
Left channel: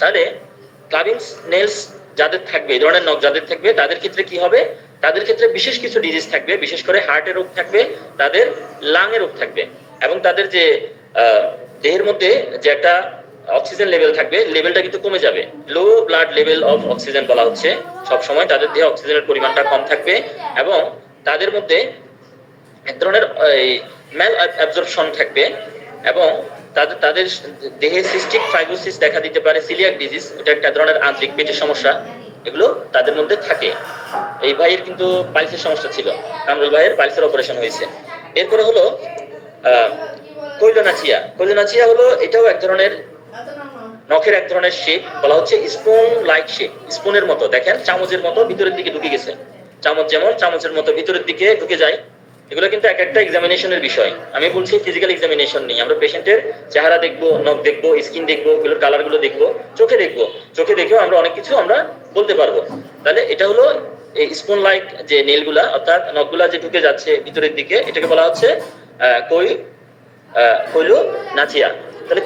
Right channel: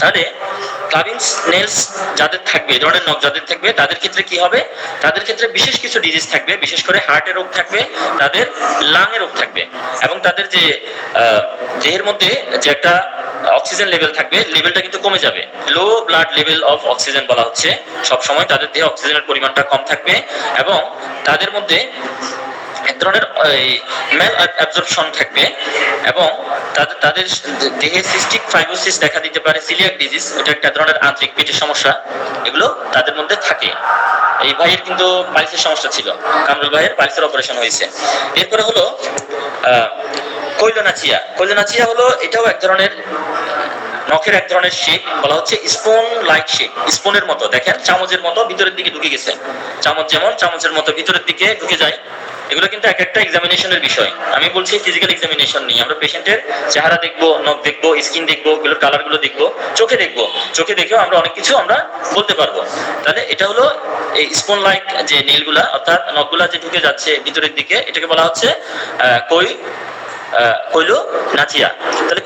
তাহলে ক্লাবিং নেলস যাদের থাকবে, এই ধরনের নখ যাদের থাকবে, তাদের ক্ষেত্রে কি হবে? তাদের ক্ষেত্রে বিশেষ কিছু ডিজিজ থাকবে, বিশেষ করে হার্টের রোগ থাকবে, তাদের লাংয়ের রোগ থাকবে, এবং তাদের যে দেহের মধ্যে যে একটা অক্সিজেন লেভেল থাকবে, লেভেলটা কিন্তু কমে যাবে। Low blood level of oxygen বলা হচ্ছে। সব সময় তাদের দেহে অক্সিজেনের পরিমাণটা কম থাকবে, এবং তাদের মধ্যে এক ধরনের ম্যাল অ্যাবজর্পশন থাকবে, এবং তাদের দেহে সিস্টিক ফাইব্রোসিস দেখা দিতে পারে, সিলিয়াক ডিজিজ, এটা একটা ধরনের আন্তরিক পেটের সমস্যা, এগুলো তাদের মধ্যে থাকে। এই ভাইয়ের কিন্তু পাইলসের সমস্যা ছিল, কামরুল ভাইয়ের পাইলসের অপারেশন হয়েছে। এরপরে হলো কৈলোনাচিয়া হলো, এটাও এক ধরনের নখের এক ধরনের শেপ, বলা হচ্ছে স্পুন লাইক শেপ, স্পুনের মতো দেখেন, চামচের মতো ভিতরের দিকে ঢুকে গেছে। চামচ যেমন চামচের মতো ভিতরের দিকে ঢুকে যায়। এগুলো কিন্তু এক একটা এক্সামিনেশনের বিষয়। আমি বলছি ফিজিক্যাল এক্সামিনেশন নেই, আমরা পেশেন্টের চেহারা দেখবো, নখ দেখবো, স্কিন দেখবো, এগুলোর কালারগুলো দেখবো, চোখে দেখেও আমরা অনেক কিছু আমরা বলতে পারবো। তাহলে এটা হলো এই স্পুন লাইক যে নেলগুলা, অর্থাৎ নখগুলা যে ঢুকে যাচ্ছে ভিতরের দিকে, এটাকে বলা হচ্ছে কৈলোনাচিয়া। তাহলে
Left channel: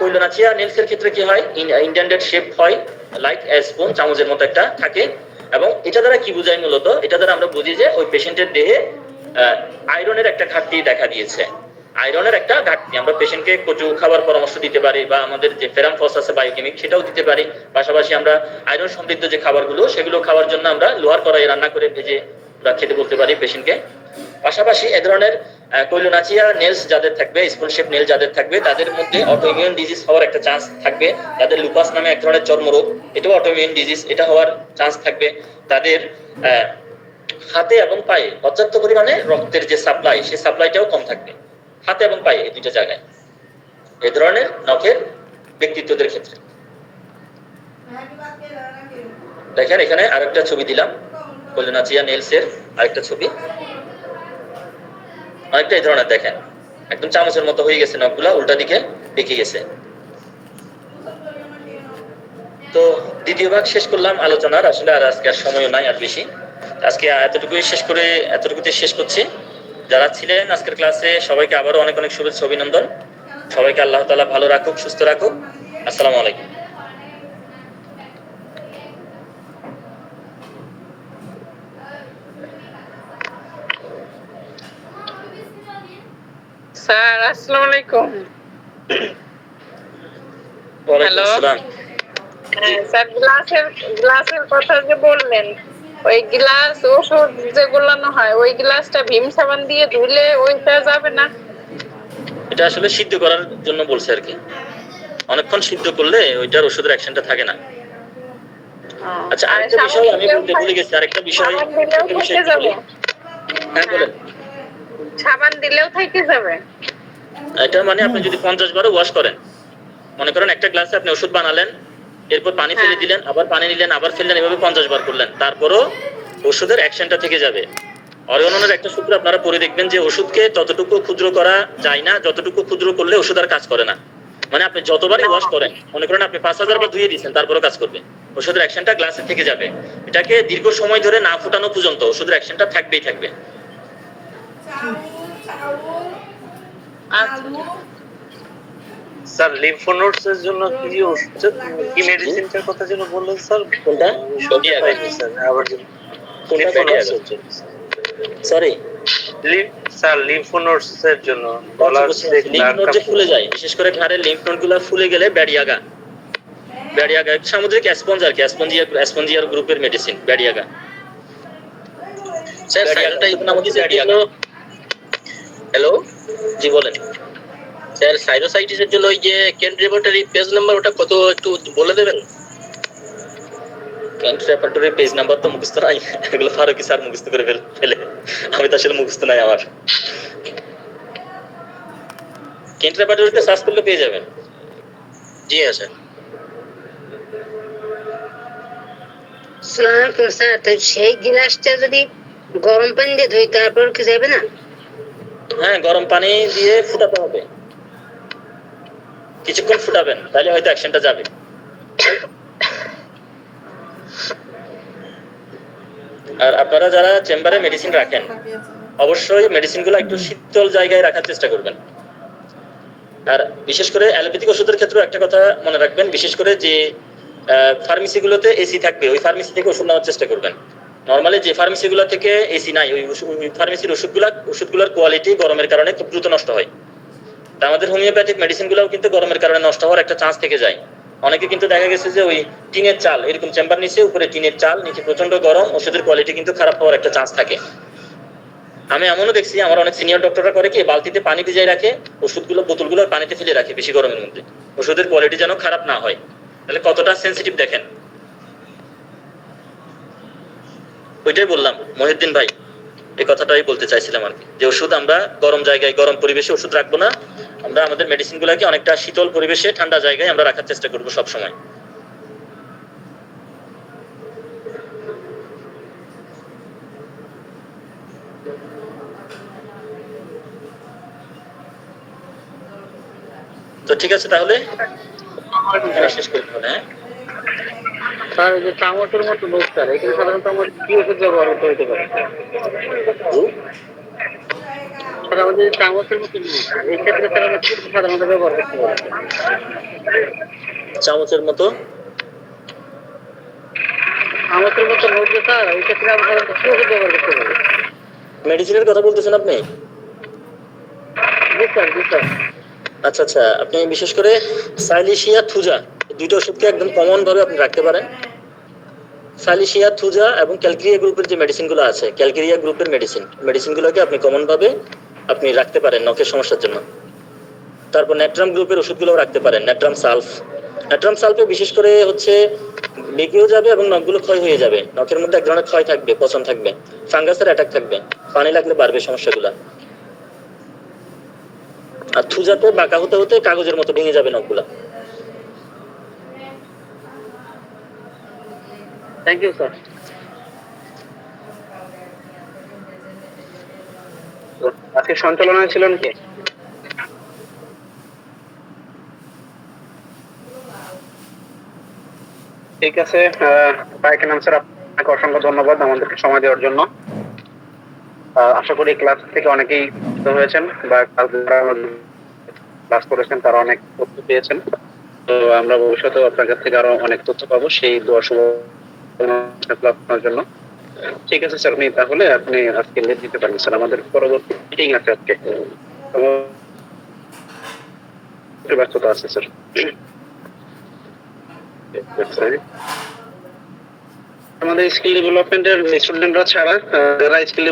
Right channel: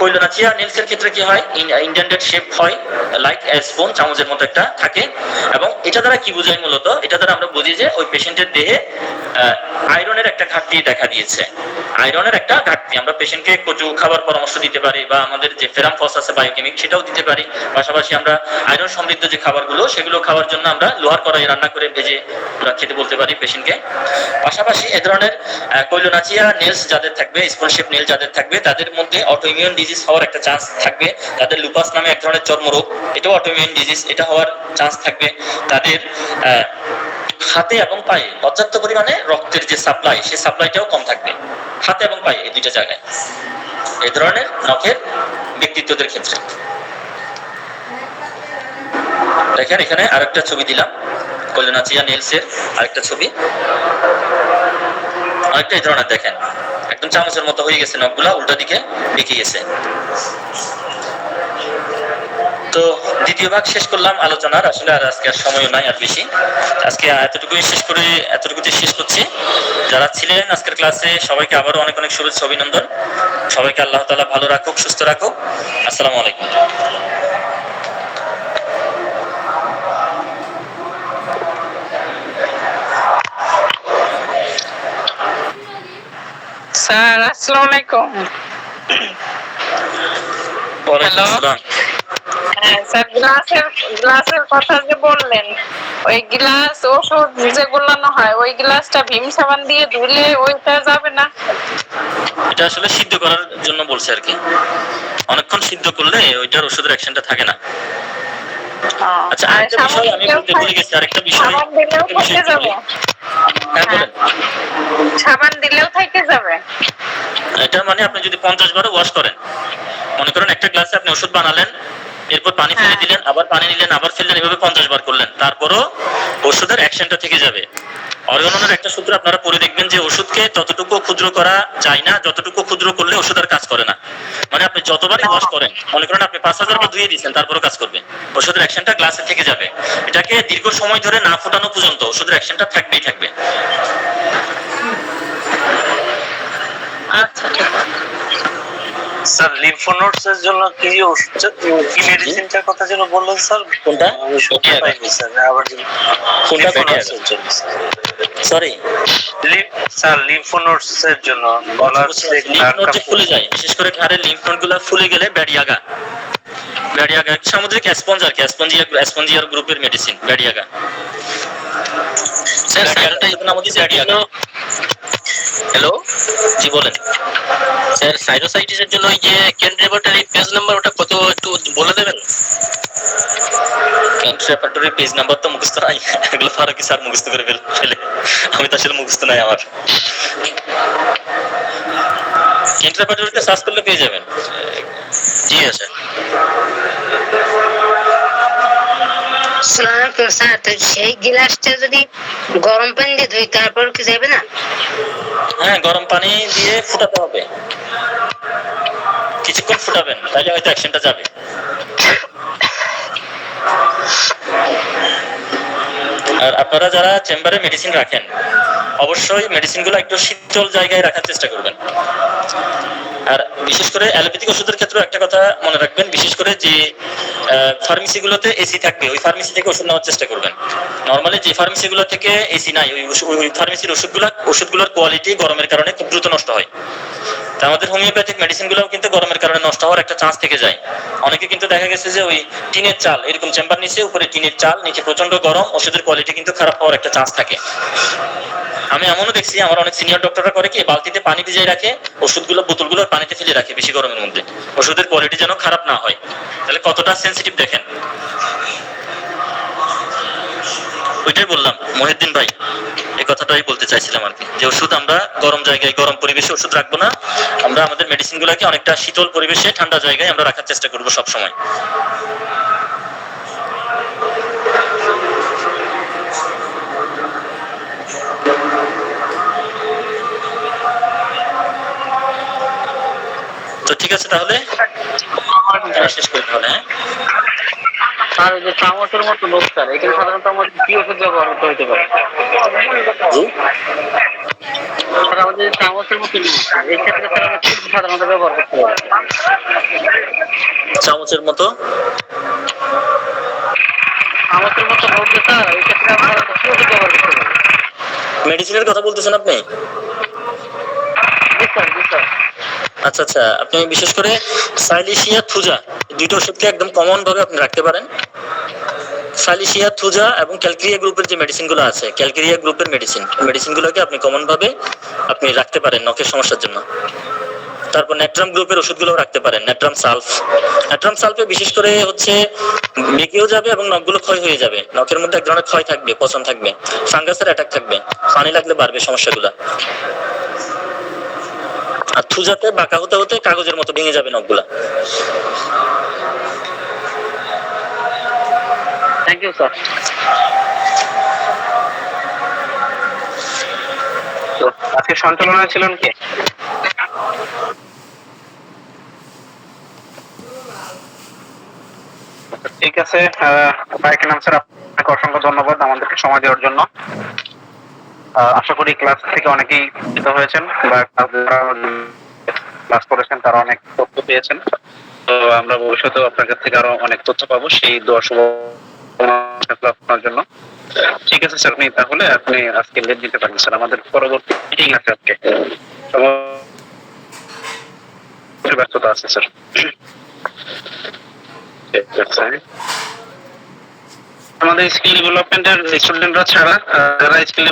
কৈলোনাচিয়া নেলসের ক্ষেত্রে কি হয়? ইন্ডেন্টেড শেপ হয়, লাইক স্পুন, চামচের মতো একটা থাকে। এবং এটা দ্বারা কি বোঝায়? মূলত এটা দ্বারা আমরা বুঝি যে ওই পেশেন্টের দেহে আয়রনের একটা ঘাটতি দেখা দিয়েছে। আয়রনের একটা ঘাটতি, আমরা পেশেন্টকে কচু খাবার পরামর্শ দিতে পারি, বা আমাদের যে ফেরাম ফস আছে বায়োকেমিক, সেটাও দিতে পারি। পাশাপাশি আমরা আয়রন সমৃদ্ধ যে খাবারগুলো, সেগুলো খাওয়ার জন্য আমরা লোহার কড়াইয়ে রান্না করে ভেজে আমরা খেতে বলতে পারি পেশেন্টকে। পাশাপাশি এ ধরনের কৈলোনাচিয়া নেলস যাদের থাকবে, স্পুন শেপ নেল যাদের থাকবে, তাদের মধ্যে অটোইমিউন ডিজিজ হওয়ার একটা চান্স থাকবে। তাদের লুপাস নামে এক ধরনের চর্মরোগ, এটাও অটোইমিউন ডিজিজ, এটা হওয়ার চান্স থাকবে। তাদের হাতে এবং পায়ে পর্যাপ্ত পরিমাণে রক্তের যে সাপ্লাই, সেই সাপ্লাইটাও কম থাকবে হাতে এবং পায়ে, এই দুইটা জায়গায়, এই ধরনের নখের ব্যক্তিত্বদের ক্ষেত্রে। দেখেন এখানে আরেকটা ছবি দিলাম, কৈলোনাচিয়া নেলসের আরেকটা ছবি, অনেকটা এই ধরনের দেখেন, একদম চামচের মতো হয়ে গেছে নখগুলা, উল্টা দিকে বেঁকে গেছে। তো দ্বিতীয় ভাগ শেষ করলাম আলোচনার। আসলে আর আজকে আর সময় নাই আর বেশি। আজকে এতটুকুতে শেষ করছি। যারা ছিলেন আজকের ক্লাসে সবাইকে আবারও অনেক অনেক শুভেচ্ছা অভিনন্দন। সবাইকে আল্লাহ তাআলা ভালো রাখুক, সুস্থ রাখুক। আসসালামু আলাইকুম। স্যার আসসালামু আলাইকুম। ওয়ালাইকুম হ্যালো। আসসালাম। হ্যাঁ, স্যার গ্লাসের কথা যে বললেন, ওই গ্লাস ওষুধ যে গোলানো হয় ওই গ্লাসটা ভীম সাবান দিয়ে ধুলে ওইটা যাবে না? এটা আসলে সিদ্ধ করার জন্য বলছে আর কি। অনেকক্ষণ সিদ্ধ করলে ওইটার ওষুধের অ্যাকশনটা থাকে না। আচ্ছা, আর আরেকটা বিষয় আমি বলতে ভুলে গেছি। আরেকটা বিষয় সাবান দিলেও থেকে যাবে? হ্যাঁ বলেন। সাবান দিলেও থেকে যাবে? এটা মানে আপনি যদি 50 বারও ওয়াশ করেন, মনে করেন একটা গ্লাসে আপনি ওষুধ বানালেন, এরপর পানি ফেলে দিলেন, আবার পানি নিলেন, আবার ফেললেন, এভাবে 50 বার করলেন, তারপরও ওষুধের অ্যাকশনটা থেকে যাবে। অরিয়নের একটা সূত্র আপনারা পড়ে দেখবেন যে ওষুধকে ততটুকু ক্ষুদ্র করা যায় না যতটুকু ক্ষুদ্র করলে ওষুধ আর কাজ করে না। মানে আপনি যতবারই ওয়াশ করেন, মনে করেন আপনি 5000 বার ধুয়ে দিয়েছেন, তারপরও কাজ করবে। ওষুধের অ্যাকশনটা গ্লাসে থেকে যাবে। এটাকে দীর্ঘ সময় ধরে না ফোটানো পর্যন্ত ওষুধের অ্যাকশনটা থাকবেই থাকবে। আচ্ছা। স্যার লিম্ফ নোডস এর জন্য কি কি মেডিসিনটার কথা যেন বললেন স্যার? কোনটা? আমি শুনতে পাইনি স্যার, আবার যদি কোনটা? সরি, স্যার লিম্ফ নোডস এর জন্য গলার লিম্ফ নোড যে ফুলে যায়, বিশেষ করে ঘাড়ের লিম্ফ নোডগুলো ফুলে গেলে ব্যাডিয়াগা সামুদ্রিক স্পঞ্জ আর কি, স্পঞ্জিয়ার গ্রুপের মেডিসিন ব্যাডিয়াগা। স্যার সাইনোসাইটিস আমাদের ব্যাডিয়াগা। হ্যালো, জি বলেন। স্যার সাইনোসাইটিসের জন্য ওই যে কেন্ট রেপার্টরি পেজ নাম্বার ওটা কত একটু বলে দেবেন? কেন্ট রেপার্টরি পেজ নাম্বার তো মুখস্থ নাই, এগুলো ফারুকি স্যার মুখস্থ করে ফেলে, আমি তো আসলে মুখস্থ নাই আমার। কেন্ট রেপার্টরিতে সার্চ করলে পেয়ে যাবেন। জি স্যার। স্যার, তো সেই গ্লাসটা যদি গরম পানি দিয়ে ধুই তারপর কি যাবে না? হ্যাঁ, গরম পানি দিয়ে ফুটাতে হবে, কিছুক্ষণ ফুটাবেন, তাহলে হয়তো অ্যাকশনটা যাবে। আর আপনারা যারা চেম্বারে মেডিসিন রাখেন, অবশ্যই মেডিসিনগুলো একটু শীতল জায়গায় রাখার চেষ্টা করবেন। আর বিশেষ করে অ্যালোপ্যাথিক ওষুধের ক্ষেত্রে একটা কথা মনে রাখবেন, বিশেষ করে যে ফার্মেসিগুলোতে এসি থাকবে ওই ফার্মেসি থেকে ওষুধ নেওয়ার চেষ্টা করবেন। নর্মালি যে ফার্মেসিগুলো থেকে এসি নাই, ওই ফার্মেসির ওষুধগুলোর কোয়ালিটি গরমের কারণে খুব দ্রুত নষ্ট হয়। তা আমাদের হোমিওপ্যাথিক মেডিসিনগুলোও কিন্তু গরমের কারণে নষ্ট হওয়ার একটা চান্স থেকে যায়। অনেকে কিন্তু দেখা গেছে যে ওই টিনের চাল, এরকম চেম্বার নিচে, উপরে টিনের চাল, নিচে প্রচন্ড গরম, ওষুধের কোয়ালিটি কিন্তু খারাপ হওয়ার একটা চান্স থাকে। আমি এমনও দেখছি, আমার অনেক সিনিয়র ডক্টররা করে কি, বালতিতে পানি ভিজিয়ে রাখে, ওষুধগুলো বোতলগুলো পানিতে ফেলে রাখে বেশি গরমের মধ্যে, ওষুধের কোয়ালিটি যেন খারাপ না হয়। তাহলে কতটা সেনসিটিভ দেখেন। ওইটাই বললাম মহিউদ্দিন ভাই, এই কথাটাই বলতে চাইছিলাম আর কি, যে ওষুধ আমরা গরম জায়গায় গরম পরিবেশে ওষুধ রাখবো না, আমরা আমাদের মেডিসিনগুলোকে অনেকটা শীতল পরিবেশে ঠান্ডা জায়গায় আমরা রাখার চেষ্টা করবো সব সময়। তো ঠিক আছে, তাহলে শেষ করি তাহলে। হ্যাঁ স্যার, এই যে চামচের মতো লোক স্যার, এখানে সাধারণত আমার কি ওষুধ ব্যবহার করতে হতে পারে? স্যার, আমাদের চামচের মতো লোক, এই ক্ষেত্রে স্যার আমরা কি সাধারণত ব্যবহার করতে পারি? চামচের মতো চামচের মতো লোক যে স্যার, এই ক্ষেত্রে আমরা কি ওষুধ ব্যবহার করতে পারি? মেডিসিনের কথা বলতেছেন আপনি? জি স্যার, জি স্যার। আচ্ছা আচ্ছা, আপনি বিশেষ করে সাইলিশিয়া থুজা, দুইটা ওষুধকে একদম কমন ভাবে আপনি রাখতে পারেন। সাইলিশিয়া থুজা এবং ক্যালকেরিয়া গ্রুপের যে মেডিসিনগুলো আছে, ক্যালকেরিয়া গ্রুপের মেডিসিনগুলোকে আপনি কমন ভাবে আপনি রাখতে পারেন নখের সমস্যার জন্য। তারপর ন্যাট্রাম গ্রুপের ওষুধগুলো রাখতে পারেন, ন্যাট্রাম সালফে বিশেষ করে হচ্ছে বেঁকেও যাবে এবং নখগুলো ক্ষয় হয়ে যাবে, নখের মধ্যে এক ধরনের ক্ষয় থাকবে, পচন থাকবে, ফাঙ্গাসের অ্যাটাক থাকবে, পানি লাগলে বাড়বে সমস্যাগুলো। আর থুজাতে বাঁকা হতে হতে কাগজের মতো ভেঙে যাবে নখগুলা। Thank you sir. আজকে সঞ্চালনায় ছিলেন কে? ঠিক আছে, বাইকে নাম স্যার আপনাকে অসংখ্য ধন্যবাদ আমাদেরকে সময় দেওয়ার জন্য। আশা করি ক্লাস থেকে অনেকেই উপকৃত হয়েছেন বা ক্লাস করেছেন, তারা অনেক তথ্য পেয়েছেন। তো আমরা ভবিষ্যতেও আপনার কাছ থেকে আরো অনেক তথ্য পাবো, সেই দোয়া শুভকামনা আপনার জন্য। ঠিক আছে স্যার, তাহলে আপনি আজকে লিভ দিতে পারেন স্যার, আমাদের পরবর্তী মিটিং আছে আজকে, ব্যস্ততা আছে স্যার। আমাদের স্কিল ডেভেলপমেন্টের স্টুডেন্টরা ছাড়া যারা স্কিল